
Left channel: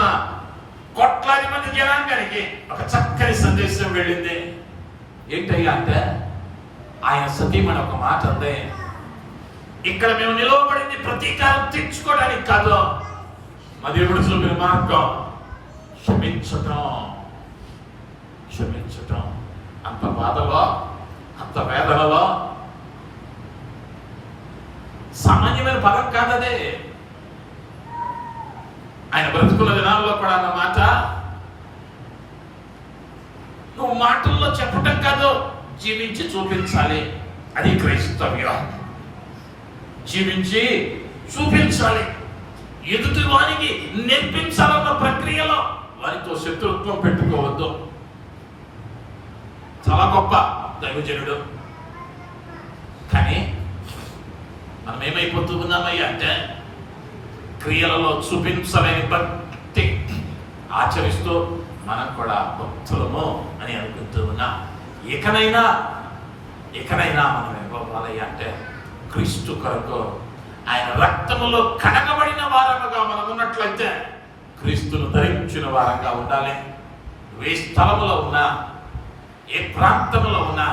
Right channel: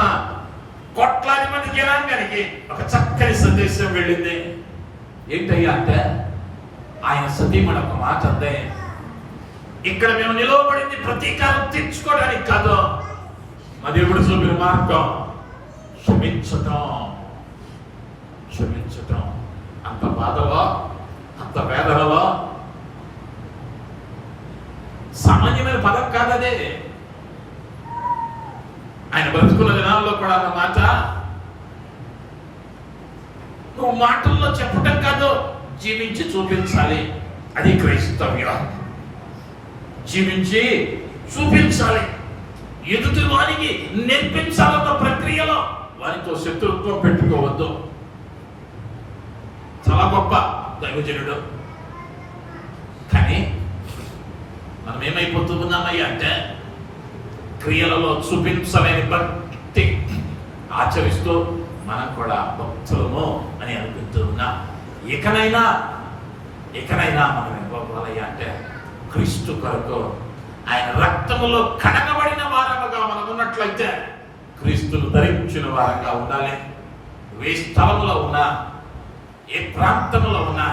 కోట్లాది మంది జనాంగానికి ఒక చక్కని సందేశం వెళ్ళింది. ఏంటయ్యా అంటే ఆయన సతీమణి ఒక మాట అందే, ఇక్కడ మేము నిలవబడింది ప్రతీకారం తీర్చుకోవడానికి కాదు, మా దేవుడు చూపిన మార్గం క్షమించటం. క్షమించటం అంత బాధలో, అంత వేదనలో సామాన్యమైన పదం కాదదే. ఆయన బ్రతుకుల దినాల్లో కూడా అన్న మాట నువ్వు మాటల్లో చెప్పటం కాదు, జీవించి చూపించాలి. అది క్రైస్తవ్యం. జీవించి చూపించాలి, ఎదుటి వారికి నేర్పించాలన్న ప్రక్రియలో వారితో శత్రుత్వం పెట్టుకోవద్దు. చాలా గొప్ప దైవజనుడు. కానీ మనం ఏమైపోతూ ఉన్నామయ్యా అంటే క్రియలలో చూపించలేని భక్తి, ఆచరిస్తూ మనం కూడా భక్తులము అని అనుకుంటూ ఉన్నాం. ఇకనైనా మనం ఇవ్వాలయ్యా అంటే క్రీస్తు కొరకు ఆయన రక్తములో కడగబడిన వారముగా మనం ఉన్నట్లయితే క్రీస్తును ధరించిన వారంగా ఉండాలి. ఏ స్థలములో ఉన్నా, ఏ ప్రాంతంలో ఉన్నా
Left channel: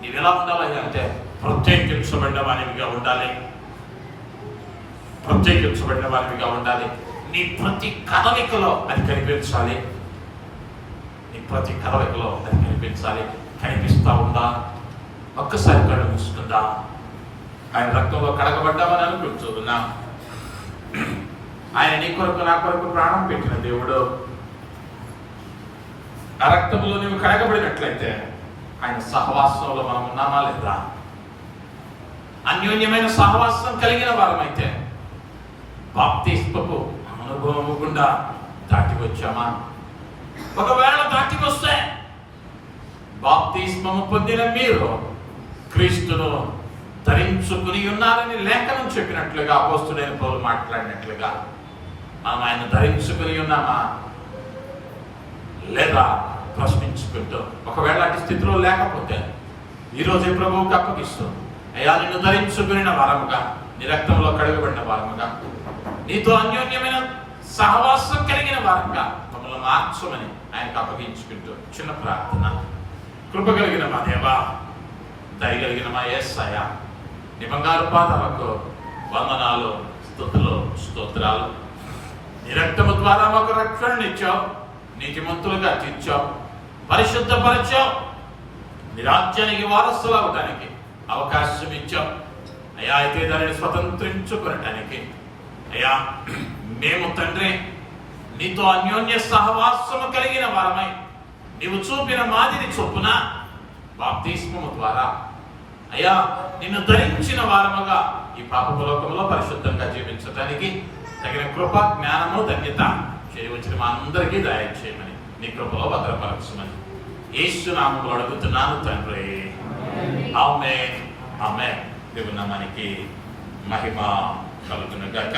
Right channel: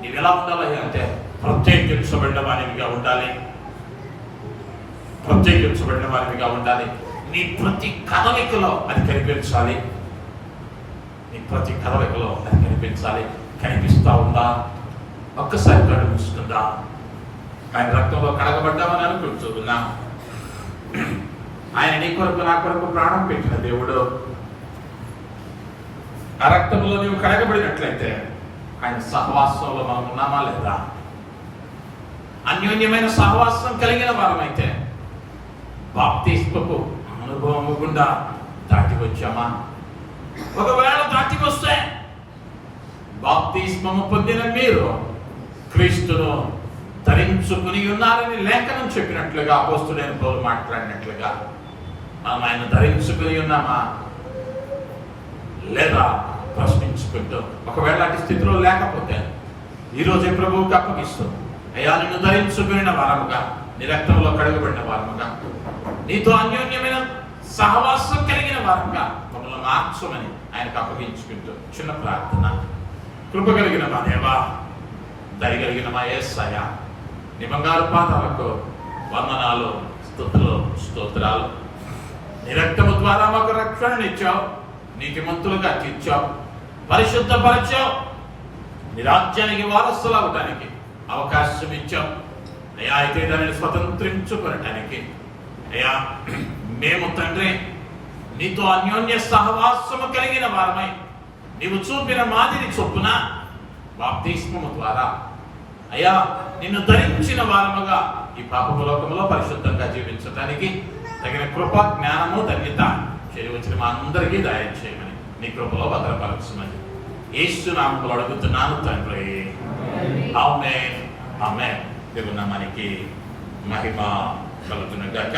నీవు ఎలా ఉండాలి అంటే ప్రత్యేకించబడిన వారిగా ఉండాలి. ప్రత్యేకించబడిన వారిగా ఉండాలి. నీ ప్రతి కదలికలో అది కనిపించాలి. నీ ప్రతి కదలికలో అది కనిపించాలి. కనిపిస్తా ఉందా? ఒక్కసారి కళ్ళు మూసుకుందా? ఆయన రక్తంలో కడగబడ్డామని అనుకుంటున్నా. ఆయన నీ కొరకు నా కొరకు ప్రాణం పెట్టిన దేవుడు. ఆ రక్తంలో నీవు కడగబడినట్లయితే ఆయన సహవాసంలో మనం ఉన్నామా లేదా? అన్యోన్యమైన సహవాసం కలిగిన వారమైతే బాప్తిస్మపు అనుభవము గుండా దాటి వచ్చామా? ఒకవేళ దాటి వస్తే బాప్తిస్మము పొందిన మీరు క్రీస్తును ధరించుకుని ఉన్నారని లేఖనం చెప్పినట్లుగా అపోస్తులైన పౌలు మాట్లాడినట్లుగా మనం ఆయన ధరించుకుని ఉన్నామా లేదా ప్రశ్నించుకుంటూ, ఒకవేళ అటు స్థితిలో లేకపోతే ఈరోజే ప్రభువుకి అప్పగిస్తూ, అయ్యా నిన్ను ధరించుకుని వారముగా, నీ రక్తంలో కడగబడిన వారముగా, నీతో అన్యోన్యమైన సహవాసం కలిగిన వారంగా మమ్మల్ని మార్చమని ఆయనకు అప్పగించుకుంటూ చిన్న ప్రార్థన. కృప కలిగిన మా దేవా, దయగలిగిన మా యేసయ్య, నీ బంగారు పాదాలకు వందనాలు, స్తుతులు, స్తోత్రాలు. నీ రక్తము ద్వారా మాకు రక్షణనిచ్చావు, నీతిమంతులుగా తీర్చావు, పరిశుద్ధపరచావు, నీ రాజ్యానికి వారసులు అవడానికి అవకాశం ఇచ్చావు. అయ్యా అయితే దానిని స్వతంత్రించుకునటానికి అయ్యా మేము తండ్రి నీతో అన్యోన్య సహవాసము కలిగిన వారమై నీవు చూపిన మాదిరి చొప్పున బాప్తిస్మము ద్వారా అయ్యా నిన్ను ధరించిన వారముగా ఈ పాపపు లోకములో పరిశుద్ధంగా జీవించడానికి తగిన కృప, జ్ఞానము, ధన్యత చేయవచ్చిన మా అందరికీ దయచేయమని నీ కృపలో భద్రపరచమని యేసు నామములో అడుగుతున్నాను తండ్రి. ఆమేన్. ఆమేన్. దేవుని నామానికి మహిమ కలుగును గాక.